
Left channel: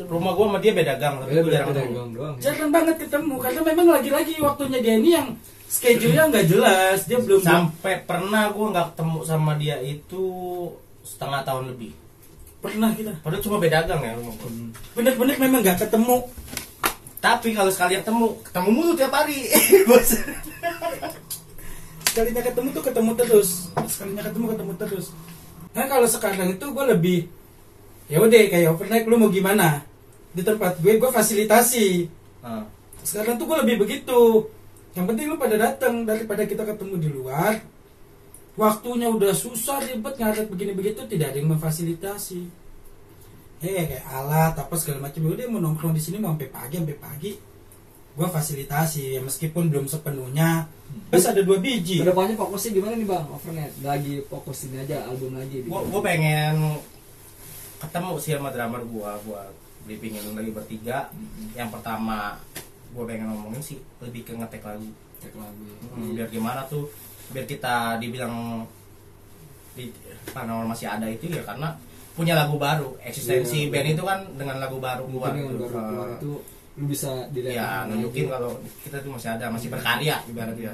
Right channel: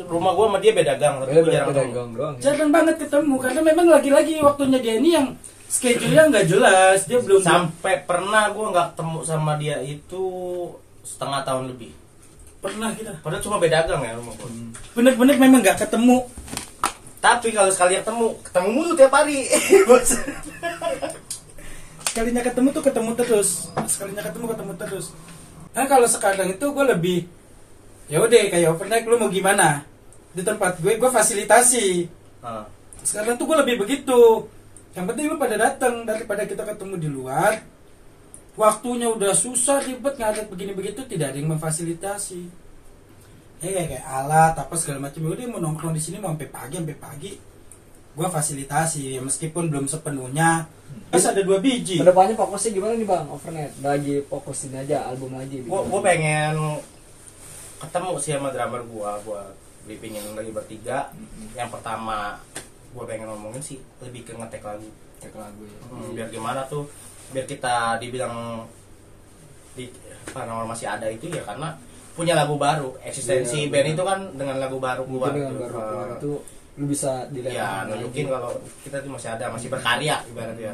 Rumah gua sama dia beda gang, tapi Beda gua jarang beda ketemu. gang doang. Ya. jarang banget ketemu karena memang lagi-lagi waktunya dia ini yang schedule-nya nggak jelas. Dia belum Sampai pernah gua nggak ketemu sama dia itu setengah tahun lebih. pernah kita. Padahal cuma beda gang ya rumah gua. Bener-bener memang nggak ketemu. Tapi kalau sekali ketemu mulu tiap hari. Bos. Sekalinya ketemu tuh ketemu terus. Sekalinya ketemu terus. Nah kalau sekarang itu gue lebih ya udah kayak overnight lu mau gimana di tempat gue fasilitasi. Ah. Sekarang tuh gue lebih begitu. Yang penting lu pada datang daripada kita ketemu di luar. Waktunya udah susah ribet ngadet begini begitu tidak ada yang memfasilitasi. Kayak alat apa segala macam. Udah mau nongkrong di sini mau sampai pagi. Gue fasilitasi ya, meskipun belum sepenuhnya. Terus ada 2 biji. Kedepannya fokusnya gimana nih bang overnight? Lagi fokusin aja album lagi. Gua pengen ketemu sih sama drummer gua buat briefingin lagi bertiga. Yang pertama gua pengen ngomongin sih lebih ke ngetek lagu. Cek lagu ya. Biar gimana tuh, biar kita dibilang di paranormal masih ada itu ya karena punya lagu baru. Eksistensi Iya, band bener. itu kan dengan lagu baru gua. Mungkin dengan gitu. baru keluar itu lu bisa dilihat. Ya nunjukin kalau kita tuh masih ada, masih berkarya ibaratnya.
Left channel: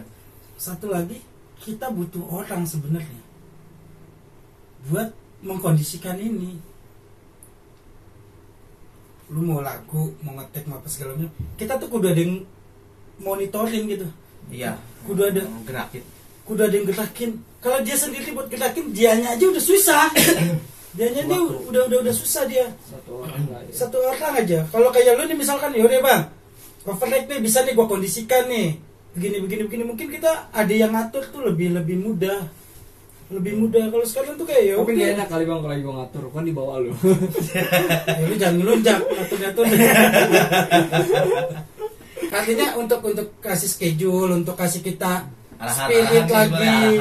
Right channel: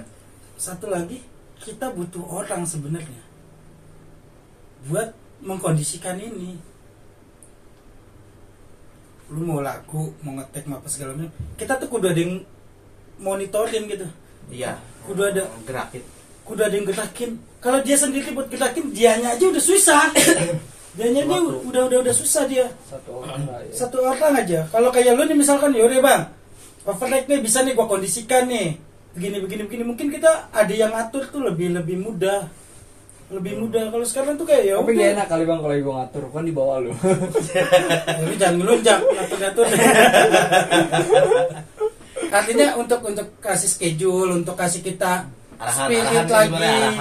Satu lagi, kita butuh orang sebenarnya buat mengkondisikan ini. Lu mau lagu, mau ngetek, mau apa segala macam, kita tuh kudu ada yang monitoring gitu. Iya. Kudu ada, Gerakin. kudu ada yang gerakin. Kalau dia sendiri buat gerakin, dianya aja udah susah. Dianya dia udah susah dia. Satu orang lah ya. Satu orang aja. Kalau kayak lu nih misalkan, yaudah bang, overnight nih bisa nih gua kondisikan nih. Begini. Mungkin kita ada yang ngatur tuh lebih mudah. Lebih mudah. Kalau sekarang tuh kayak ya Tapi udah. gak enak kali bang kalau ibu ngatur kan di bawah lu. Ini jangan ngelunjak ngatur-ngatur. Artinya untuk kasih schedule, untuk kasih kita spirit lagi.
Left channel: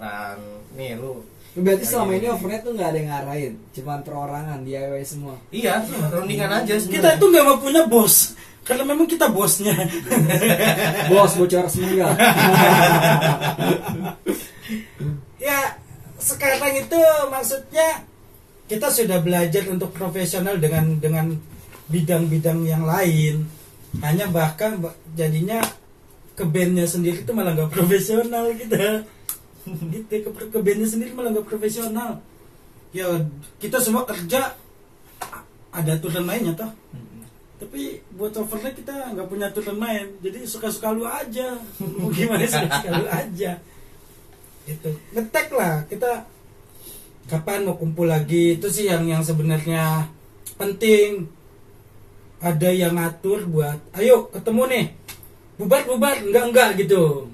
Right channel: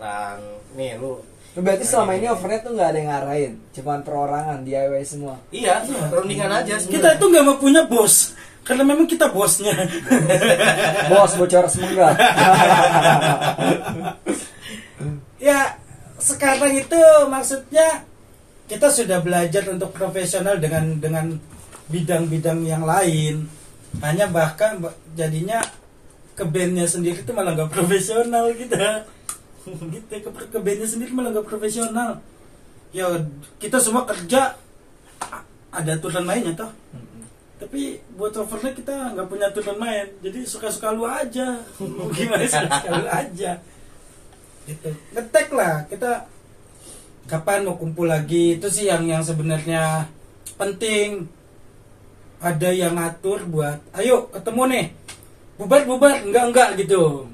Arahan. Nih lu. Berarti selama ini overnight tuh nggak ada yang ngarahin, cuman perorangan DIY semua. Iya, rundingan aja. Kita tuh nggak mau punya bos, karena memang kita bosnya. Bos bocor semua. Ya sekarang itu maksudnya kita sudah belajar untuk profesional dengan bidang-bidang yang lain. Hanya bahkan jadinya ke bandnya sendiri itu malah nggak profesional kita. Gitu ke bandnya sendiri malah nggak profesional. Ya kita semua kerja ada aturan mainnya toh. Tapi buat overnight kita nggak punya aturan main. Jadi suka-suka lu aja. Mau gimana suka-suka lu aja. Gitu. Ngetek lah kita kapan mau kumpul lagi itu sih yang sebenarnya penting. Ada yang ngatur buat ayo ketemu nih bubar enggak gitu.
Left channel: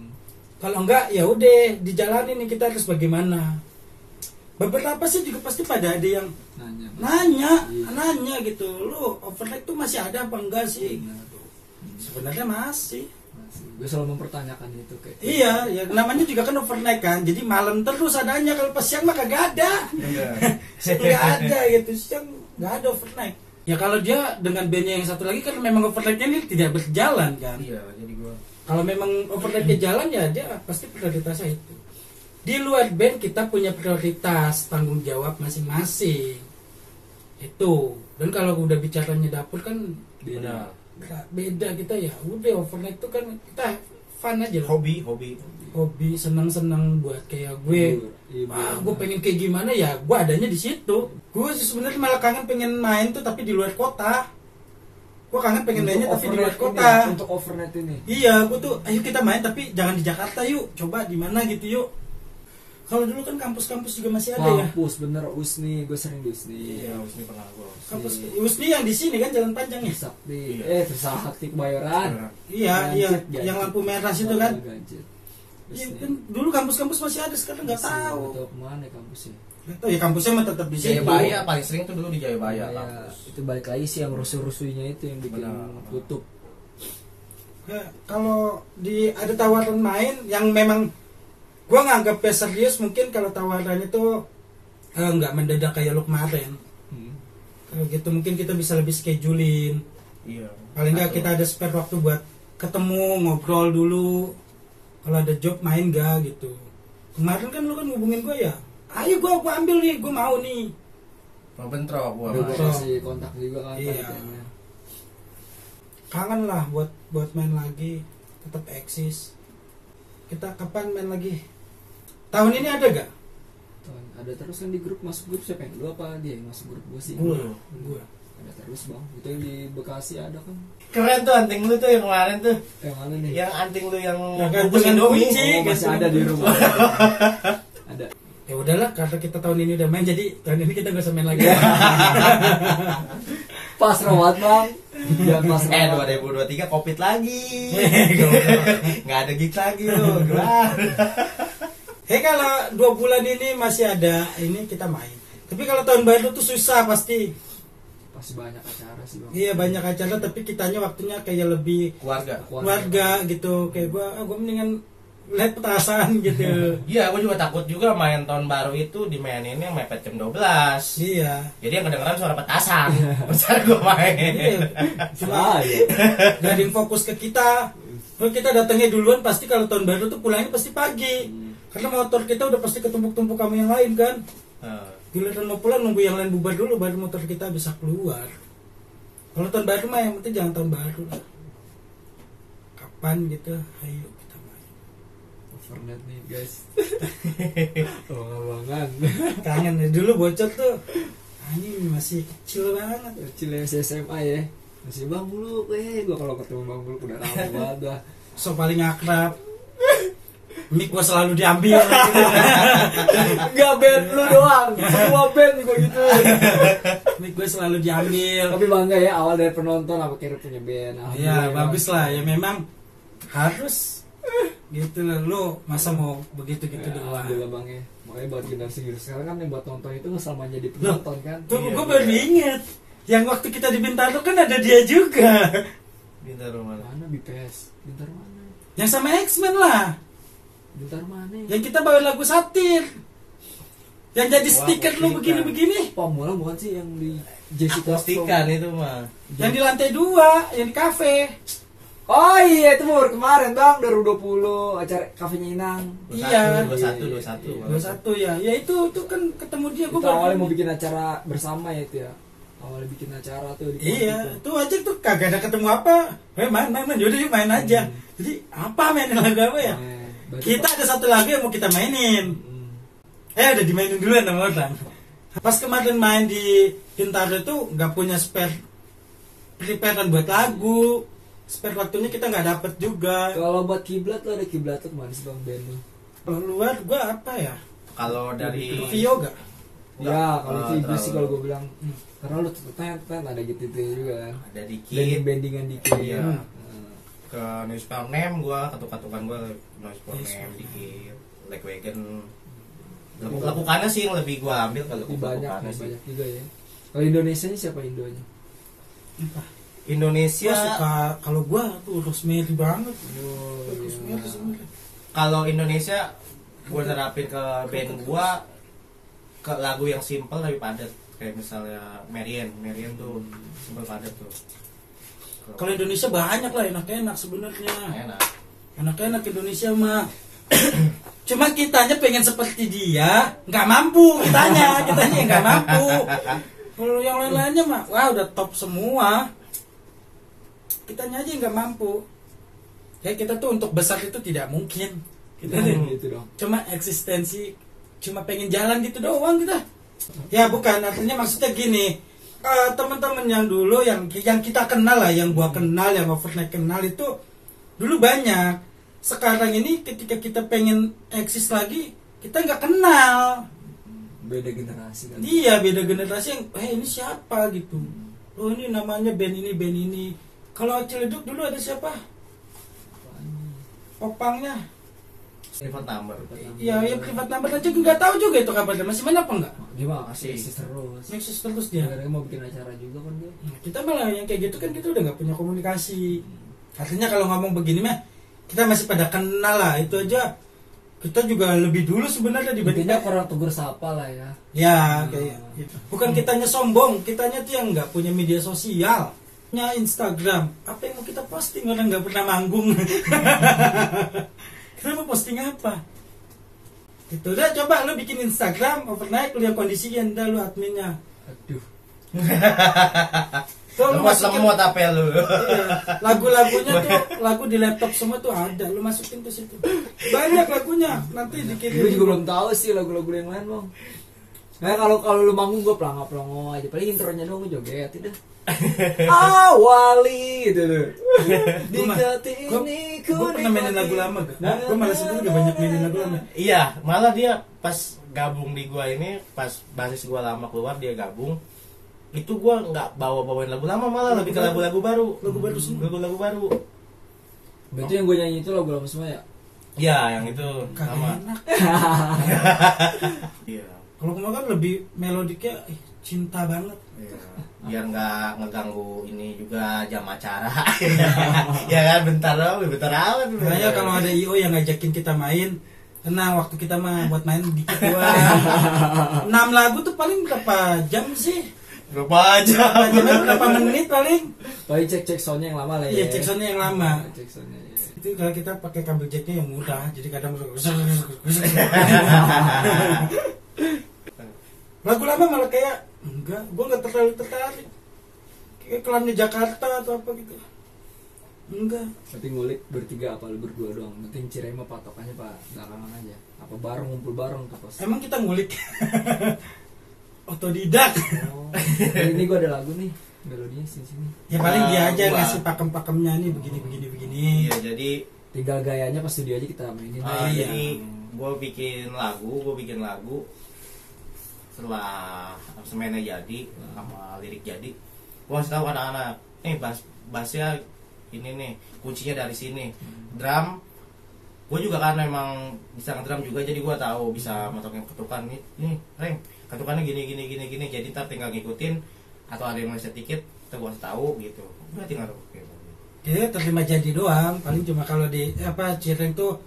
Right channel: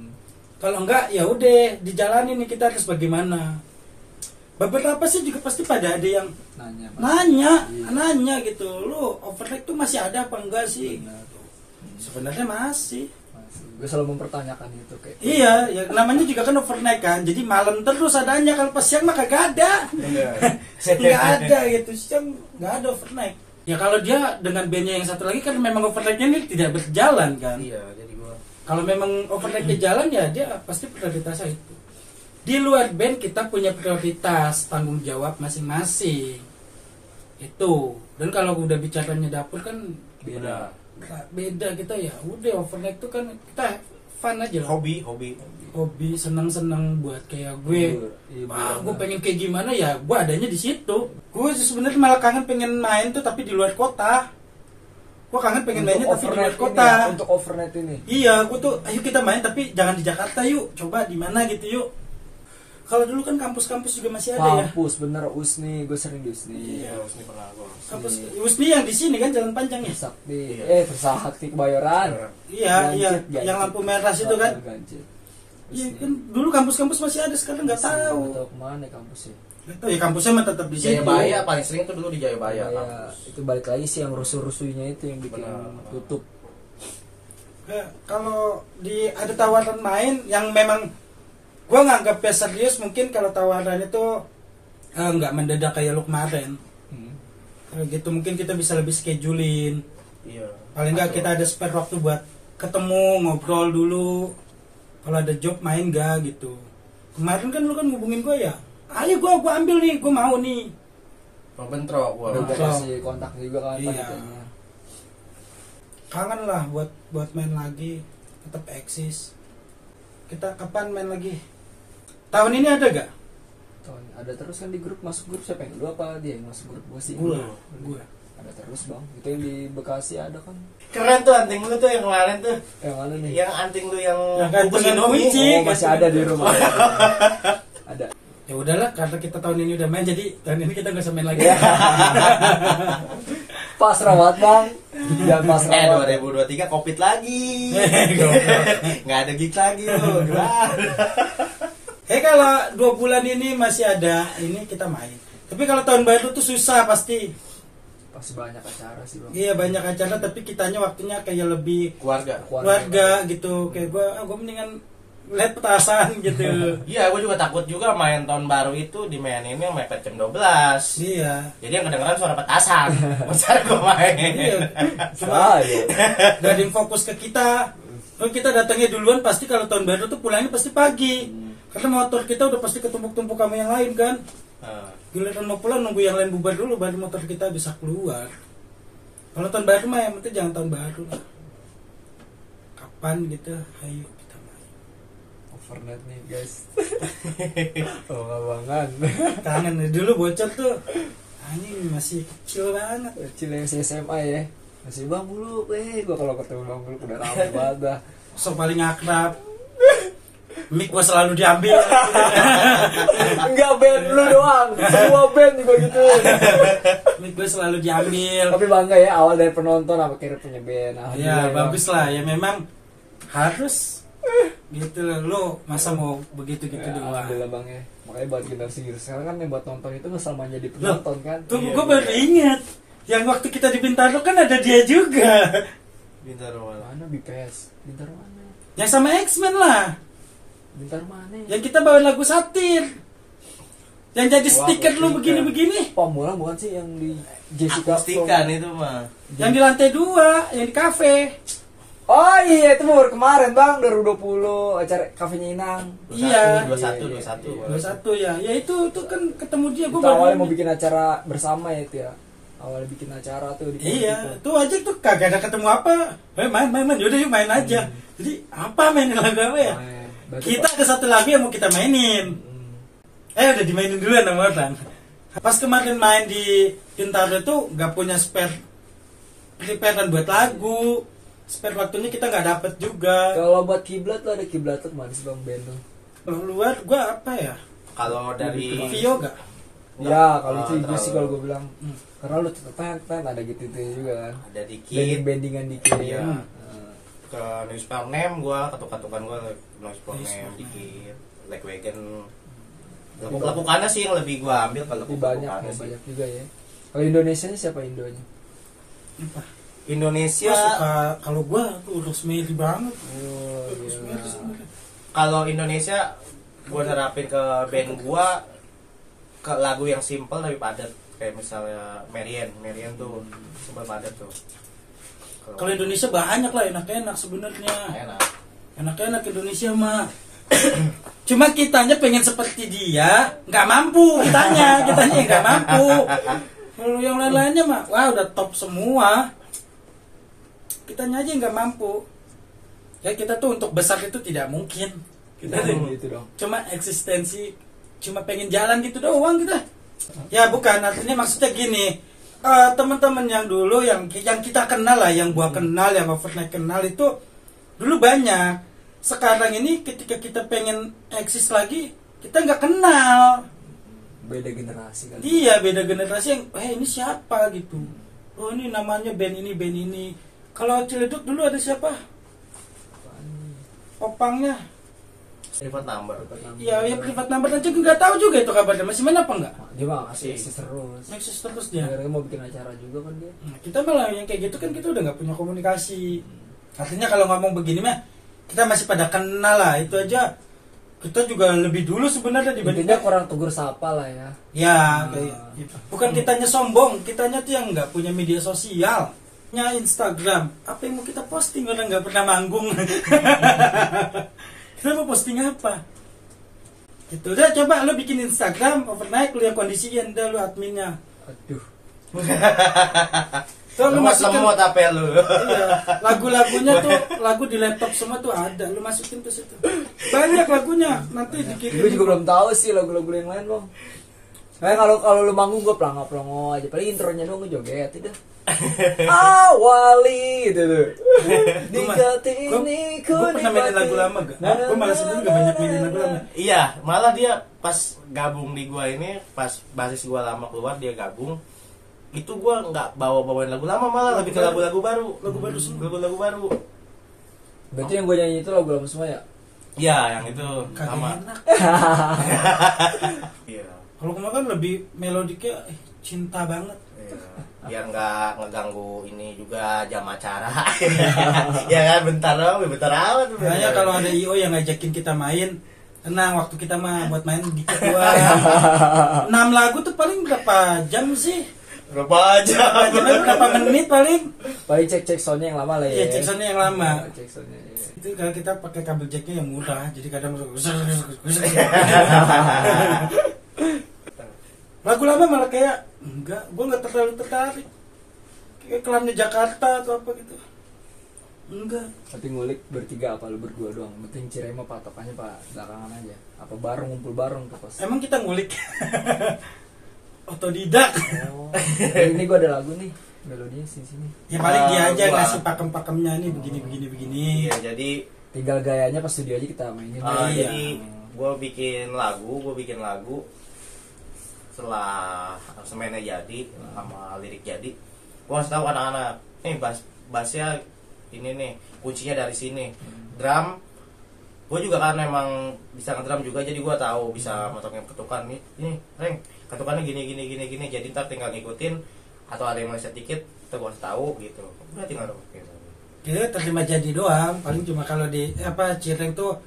Kalau enggak ya udah dijalanin nih kita harus bagaimana. beberapa sih juga pasti pada ada yang Nanya. Iya. nanya gitu, lu overnight tuh masih ada apa enggak sih? Benar. Sebenarnya masih. Gue selalu mempertanyakan itu kayak. Iya, ya namanya juga kan overnight kan. Jadi malam terus adanya, kalau pas siang mah kagak ada. Nggak ada gitu, siang nggak ada overnight. Ya kalau dia dengan bandnya yang satu lagi kan memang overnightnya ini tidak berjalan kan. Iya, jadi gua Kalau memang overnightnya jalan ya dia pasti prioritasnya itu. Di luar band kita punya prioritas, tanggung jawab masing-masing. Itu. Dan kalau udah bicaranya dapur kan udah beda kita ya. Udah overnight itu kan kita fun aja lah. Hobi senang-senang buat kayak gue. Iya, Wah, gue pengen kayak gimana ya? Gue adanya di situ. Gue sebenarnya malah kangen pengen main tuh tapi di luar kota. Gue kangen pengen mainnya tapi di luar kota. Untuk overnight ini. Iya, gue tuh ayo kita main tapi jangan di Jakarta yuk. Coba di mana gitu yuk. Kalau dulu kan kampus-kampus juga masih ada ya. Kampus bener USNI, gue sering di USNI. iya harus nih pernah gua. Kampus USNI yang di sini kan Jalan Panjang ya. Trisakti, Iya. Trisakti Kebayoran. Iya, Ganjit, iya, yang lampu merah itu kan. Ganjit. Iya kan dulu kampus-kampus masih ada, sekarang nggak tahu. Nggak tahu kemana kampusnya. Nggak tahu ya, kampusnya mah tetap di situ. Jayabaya paling sering tuh dulu di Jayabaya Ya, kampus. itu balik lagi sih yang rusuh-rusuhnya itu yang bikin Benar. tutup. Ya, kalau ada tawaran main yang memang gua nganggapnya serius, mungkin kalau tawaran itu nggak mendadak kayak lu kemarin. Kalau gitu mungkin kita bisa lebih schedulein. Iya. Paling nggak kita ada spare waktu buat ketemu, ngobrol dulu. Kalau ada job main gak gitu. Kemarin kan lu kan ngubungin gue ya. Ayo gue ambil nih, gue mau nih. Mau bentrok gua. Udah Betul. gue kasih kontak juga kan Iya. panitianya. Kangen lah buat main lagi, tetap eksis. Kita kapan main lagi? Tahun ini ada gak? Ada terus kan di grup, masuk grup siapa yang lu apa dia yang masuk grup gue sih? Gue. Ada terus bang, itu yang di Bekasi ada kan? Keren tuh anting lu tuh yang kemarin tuh. Yang mana nih? Yang anting lu yang Yang gantungan bungkus Indomie. kunci. Oh, masih ada di rumah. Ada. Ya udahlah, karena kita tahun ini udah main, jadi tahun ini kita gak usah main lagi. Pas rawat bang. Ya pas rawat. 2023 Covid lagi. Nggak ada gig lagi lu. Kalau 2 bulan ini masih ada, ini kita main. Tapi kalau tahun baru tuh susah pasti. Pasti banyak acara sih bang. Iya banyak acara, tapi kitanya waktunya kayak lebih keluarga gitu. Kayak gue mendingan lihat petasan gitu. Iya, gue juga takut juga main tahun baru itu dimainin yang mepet jam 12. Iya. Jadi yang kedengeran suara petasan. Besar gue main. Iya. Ah, iya. Gak ada yang fokus ke kita. Kalau kita datangnya duluan pasti kalau tahun baru tuh pulangnya pasti pagi. Karena motor kita udah pasti ketumpuk-tumpuk sama yang lain kan. Giliran mau pulang nunggu yang lain bubar dulu baru motor kita bisa keluar. Kalau tahun baru mah yang penting jangan tahun baru lah. Kapan gitu, ayo kita main. Overnight nih guys. Bangan. Kangen nih dulu bocor tuh. Anjing masih kecil banget. Kecil SMA ya. Masih bang Buluk, gua kalau ketemu bang Buluk udah lama banget dah. So paling akrab. Mic gua selalu diambil. Enggak band lu doang, semua band juga gitu. Mic gua selalu diambil. Tapi bangga ya awal dari penonton apa kira punya band. Ya bagus lah ya, memang harus gitu lah. Lu masa mau begitu gitu doang. Alhamdulillah bang ya. Makanya buat generasi sekarang kan yang buat nonton itu nggak sama jadi penonton kan. Gue baru inget yang waktu kita di Bintaro kan ada dia juga. Bintaro mana? Mana BPS? Bintaro mana? Yang sama X-Men lah. Bintaro mana? Yang kita bawa lagu satir. Yang jadi stiker lu begini-begini. Pamulang bukan sih yang di Jessica Akustikan itu mah. Yang di lantai 2, yang di kafe. Oh iya itu baru kemarin bang 2020 acara kafenya Inang. Iya. 21. 21 ya. Ya itu kan ketemu dia Itu awalnya mau bikin acara bersama ya itu ya. Awalnya bikin acara tuh di Iya, itu. itu aja tuh kagak ada ketemu apa. Main. Yaudah yuk main aja. Jadi apa mainin lagu apa ya? Kita ada satu lagu yang mau kita mainin. Udah dimainin dulu sama orang. Pas kemarin main di Bintaro itu nggak punya preparean buat lagu. Spare waktunya kita nggak dapet juga. Kalau buat kiblat lo ada kiblat tuh manis bang band tuh. Kalau luar gua apa ya? Kalau dari Vio gak? Ya kalau itu terlalu. itu sih kalau gue bilang karena lu tent ada gitu juga kan. ada dikit Bandingan dikit. Iya. Nah. ke newspaper name gua katuk-katukan gua newspaper name dikit like wagon Lekukannya sih yang lebih gua ambil kalau Lebih banyak, lekukannya sih. banyak juga ya. Kalau Indonesia nya siapa Indonya? Apa? Indonesia Gua suka, kalau gua tuh Rosemary banget. Oh, Rosemary iya. sebenarnya. kalau Indonesia gua nerapin ke band gua ke lagu yang simple tapi padat, kayak misalnya Marian tuh simple padat tuh. Kalau Indonesia banyak lah enak-enak sebenarnya. Enak. Enak-enak Indonesia mah. Cuma kitanya pengen seperti dia, nggak mampu kitanya nggak mampu. Kalau yang lain-lainnya mah, wah udah top semua. Kitanya aja nggak mampu. Ya kita tuh untuk besar itu tidak mungkin. Kita Gitu dong. cuma eksistensi, cuma pengen jalan gitu doang kita. Ya bukan, artinya maksudnya gini, teman-teman yang dulu yang kita kenal lah, yang gua kenal, yang Overnight kenal itu dulu banyak. Sekarang ini ketika kita pengen eksis lagi, kita nggak kenal. Beda generasi kan. Dia beda generasi yang, ini siapa gitu. Oh ini namanya band ini. Kalau Ciledug dulu ada siapa? Popangnya. Private number. Ya, yang privat number aja nggak tahu juga itu kabarnya. Masih main apa nggak? Dia mah Masih. masih terus. Eksis terus dia. Dia mau bikin acara juga kan dia. Nah, kita malah yang kayak gitu kan kita udah nggak punya komunikasi. Artinya kalau ngomong begini mah kita masih pada kenal lah, itu aja kita juga lebih dulu sebenarnya dibanding Intinya kurang tegur sapa lah ya. ya kayak gitu. Bukan kitanya sombong, kitanya tuh yang nggak punya media sosial, nya Instagram, apa yang mau kita posting, orang nggak pernah manggung. Kita mau posting apa? Itu udah, coba lu bikin Instagram Overnight, lu yang kondisiin, udah lu adminnya. Aduh. Tuh, lu masukin, Lemot apa lu? iya, lagu-lagunya tuh, lagu di laptop semua tuh ada, lu masukin ke situ. Banyak lagunya, nanti dikirim. Gue juga belum tahu sih lagu-lagu yang lain bang. Kayak kalau lu manggung gue pelongo aja. Paling intronya doang gue joget itu. Awali gitu tuh. Di ini Gue pernah mainin lagu lama gak? Gue malah sebenernya gak banyak mainin lagu lama. Iya, malah dia pas gabung di gua ini, pas basis gua lama keluar dia gabung, itu gua nggak bawain lagu lama, malah lebih ke lagu-lagu baru. Lagu baru semua. Lagu baru. Berarti yang gue nyanyi itu lagu lama semua ya? Iya, yang itu Kagak sama. enak. Iya. Kalau kemarin kan lebih melodiknya cinta banget. Iya. Biar nggak ngeganggu ini juga jam acara. Ya kan, bentar amat. Makanya kalau ada IO yang ngajakin kita main, tenang, waktu kita mah buat main dikit doang. 6 lagu tuh paling berapa jam sih? Berapa aja? Berapa menit paling? Paling cek soundnya yang lama lah ya. Iya, cek soundnya yang lama. Cek soundnya. Ya. Itu kalau kita pakai kabel jacknya yang murah, jadi kadang lagu lama malah kayak enggak, gue nggak terlalu tertarik. Kayak kelamnya Jakarta atau apa gitu. Enggak. Tapi ngulik bertiga apa lu berdua doang? Penting Cireng mah patokannya pak belakangan aja. Apa bareng ngumpul bareng tuh pas. Emang kita ngulik otodidak. Oh, ini gue ada lagu nih melodinya sini. Ya paling dia aja Gua. ngasih pakem-pakemnya nih begini. Iya, jadi Tinggal gayanya pas studio aja kita mainin. Iya. jadi gue bikin lagu setelah semennya jadi sama lirik jadi, gue kasih tahu anak-anak, bassnya ini nih kuncinya dari sini, drum gue juga kan emang bisa ngedrum juga, jadi gue tahu bisa motongin ketukan nih, ini Reng ketukannya gini, jadi ntar tinggal ngikutin, atau ada yang meleset dikit kita gue kasih tahu gitu, udah tinggal gitu. Dia terima jadi doang. Paling cuma kalau di Cireng tuh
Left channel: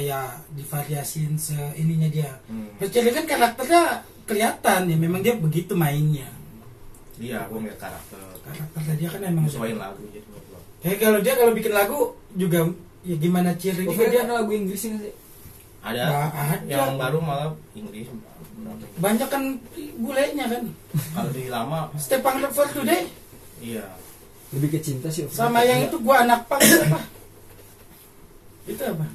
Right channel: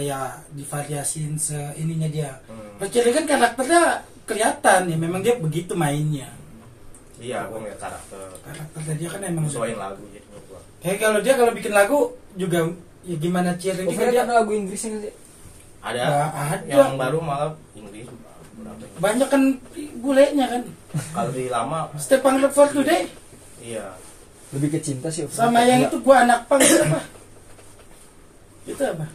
ya divariasin ininya dia. Kalau Cireng kan karakternya kelihatan nih, memang dia begitu mainnya. Iya, gue ngeliat Karakternya dia kan emang. sesuaiin lagu jadi menurut gue. Ya kalau dia kalau bikin lagu juga ya gimana Cireng Oh, juga dia dia kan lagu Inggrisnya nggak sih? Ada Nggak ada. yang baru malah Inggris. banyak kan bulenya kan. Kalau di lama, Stepang for Today iya. Lebih ke cinta sih. sama yang itu gua anak pang itu apa? Itu apa?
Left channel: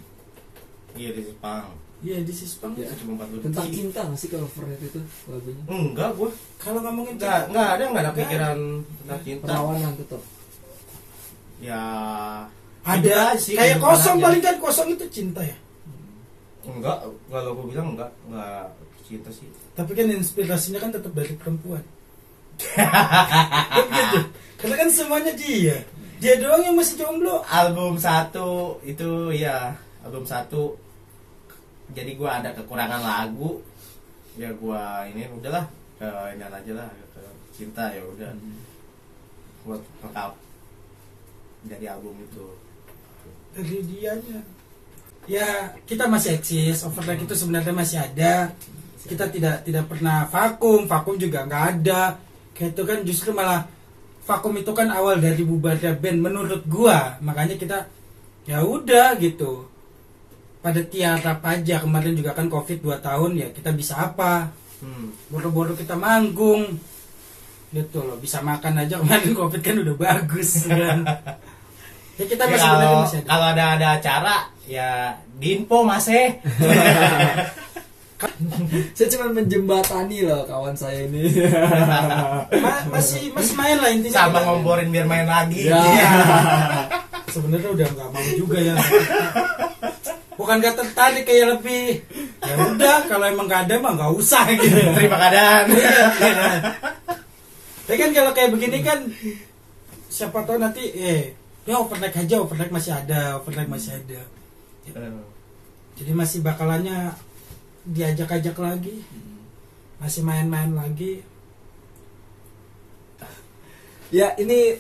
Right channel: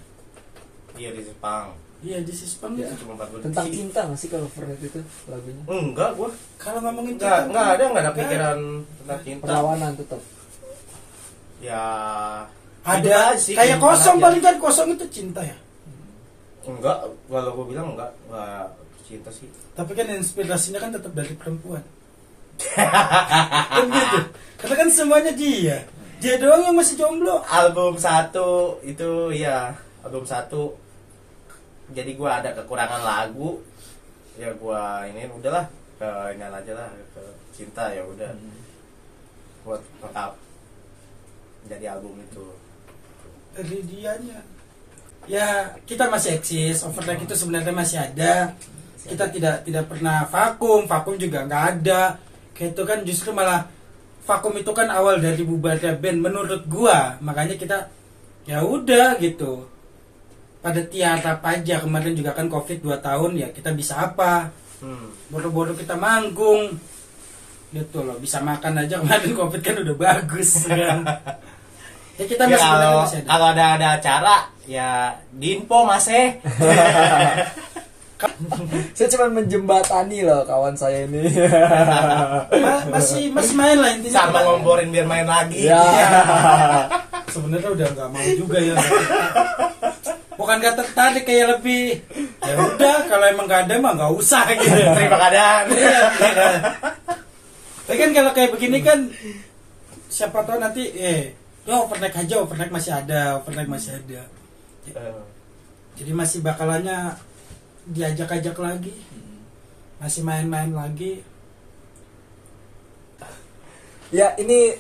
Iya di Jepang. Iya di Sispang Ya. itu. Cuma 4 Tentang cinta nggak sih kalau Overnight itu lagunya? Enggak, gua Kalau ngomongin enggak ada pikiran tentang cinta. Perlawanan tetap. Ya ada itu aja sih, kayak kehidupan kosong aja. paling kan kosong itu cinta ya. Enggak, kalau gua bilang enggak cinta sih. Tapi kan inspirasinya kan tetap dari perempuan. Kan gitu. Karena kan semuanya dia. Dia doang yang masih jomblo. Album 1 itu ya, album 1. Jadi gua ada kekurangan lagu, ya gua ini udahlah ke ini aja lah, ke cinta ya udah buat lengkap jadi album itu. Dari dianya ya kita masih eksis, overnight itu sebenarnya masih ada. Kita tidak pernah vakum juga nggak ada. Kayak itu kan justru malah vakum itu kan awal dari bubarnya band menurut gua. Makanya kita ya udah gitu. Pada tiarap aja, kemarin juga kan Covid 2 tahun ya, kita bisa apa? Baru-baru kita manggung. Gitu loh, bisa makan aja kemarin Covid kan udah bagus kan. Ya kita Ya, masih masih ada. kalau ada acara ya di info masih. Saya cuma menjembatani loh kawan saya ini. Masih main lah intinya. Sama ngomporin biar main lagi. Ya. Sebenarnya udah nggak mau juga ya. Bukan gak tertarik, kayak lebih ya udah kalau emang gak ada mah nggak usah gitu. Terima keadaan. Tapi kan kalau kayak begini kan siapa tahu nanti ya overnight aja, overnight masih ada. Jadi masih bakalannya diajak-ajak lagi, masih main-main lagi. Ya ini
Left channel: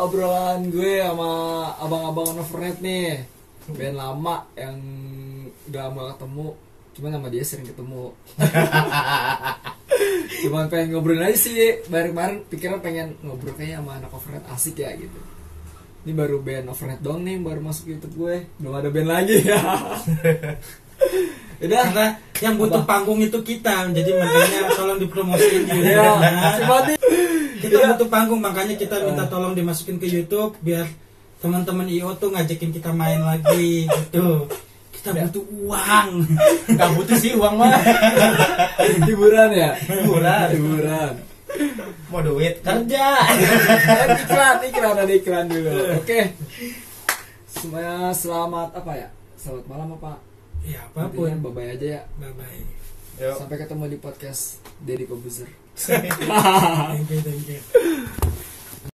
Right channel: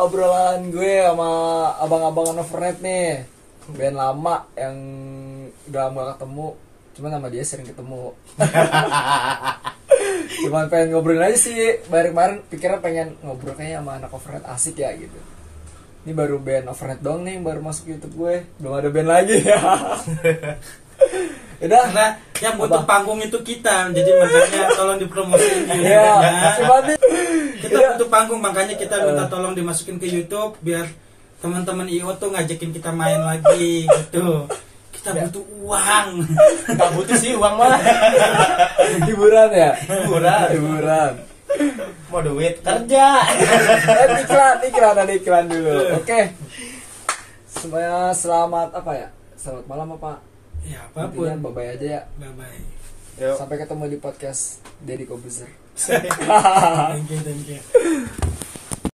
obrolan gue sama abang-abangan overnight nih, band lama yang udah lama gak ketemu, cuman sama dia sering ketemu. Cuman pengen ngobrol aja sih, kemarin pikiran pengen ngobrol kayaknya sama anak overnight asik ya gitu. Ini baru band overnight doang nih, baru masuk YouTube gue, belum ada band lagi ya. Udah, Karena yang butuh panggung itu kita, jadi makanya tolong dipromosiin. ya, cuma nih. Kita butuh panggung, makanya kita minta tolong dimasukin ke YouTube biar teman-teman IO tuh ngajakin kita main lagi gitu. Kita butuh uang. Nggak butuh sih uang malah. Hiburan ya? Hiburan. Mau duit kerja. Ada iklan dulu. Oke. Semuanya selamat apa ya? Selamat malam apa? Ya Intinya apapun. bye-bye aja ya. Bye-bye. Yuk. Sampai ketemu di podcast Deddy Kobuzer. Thank you.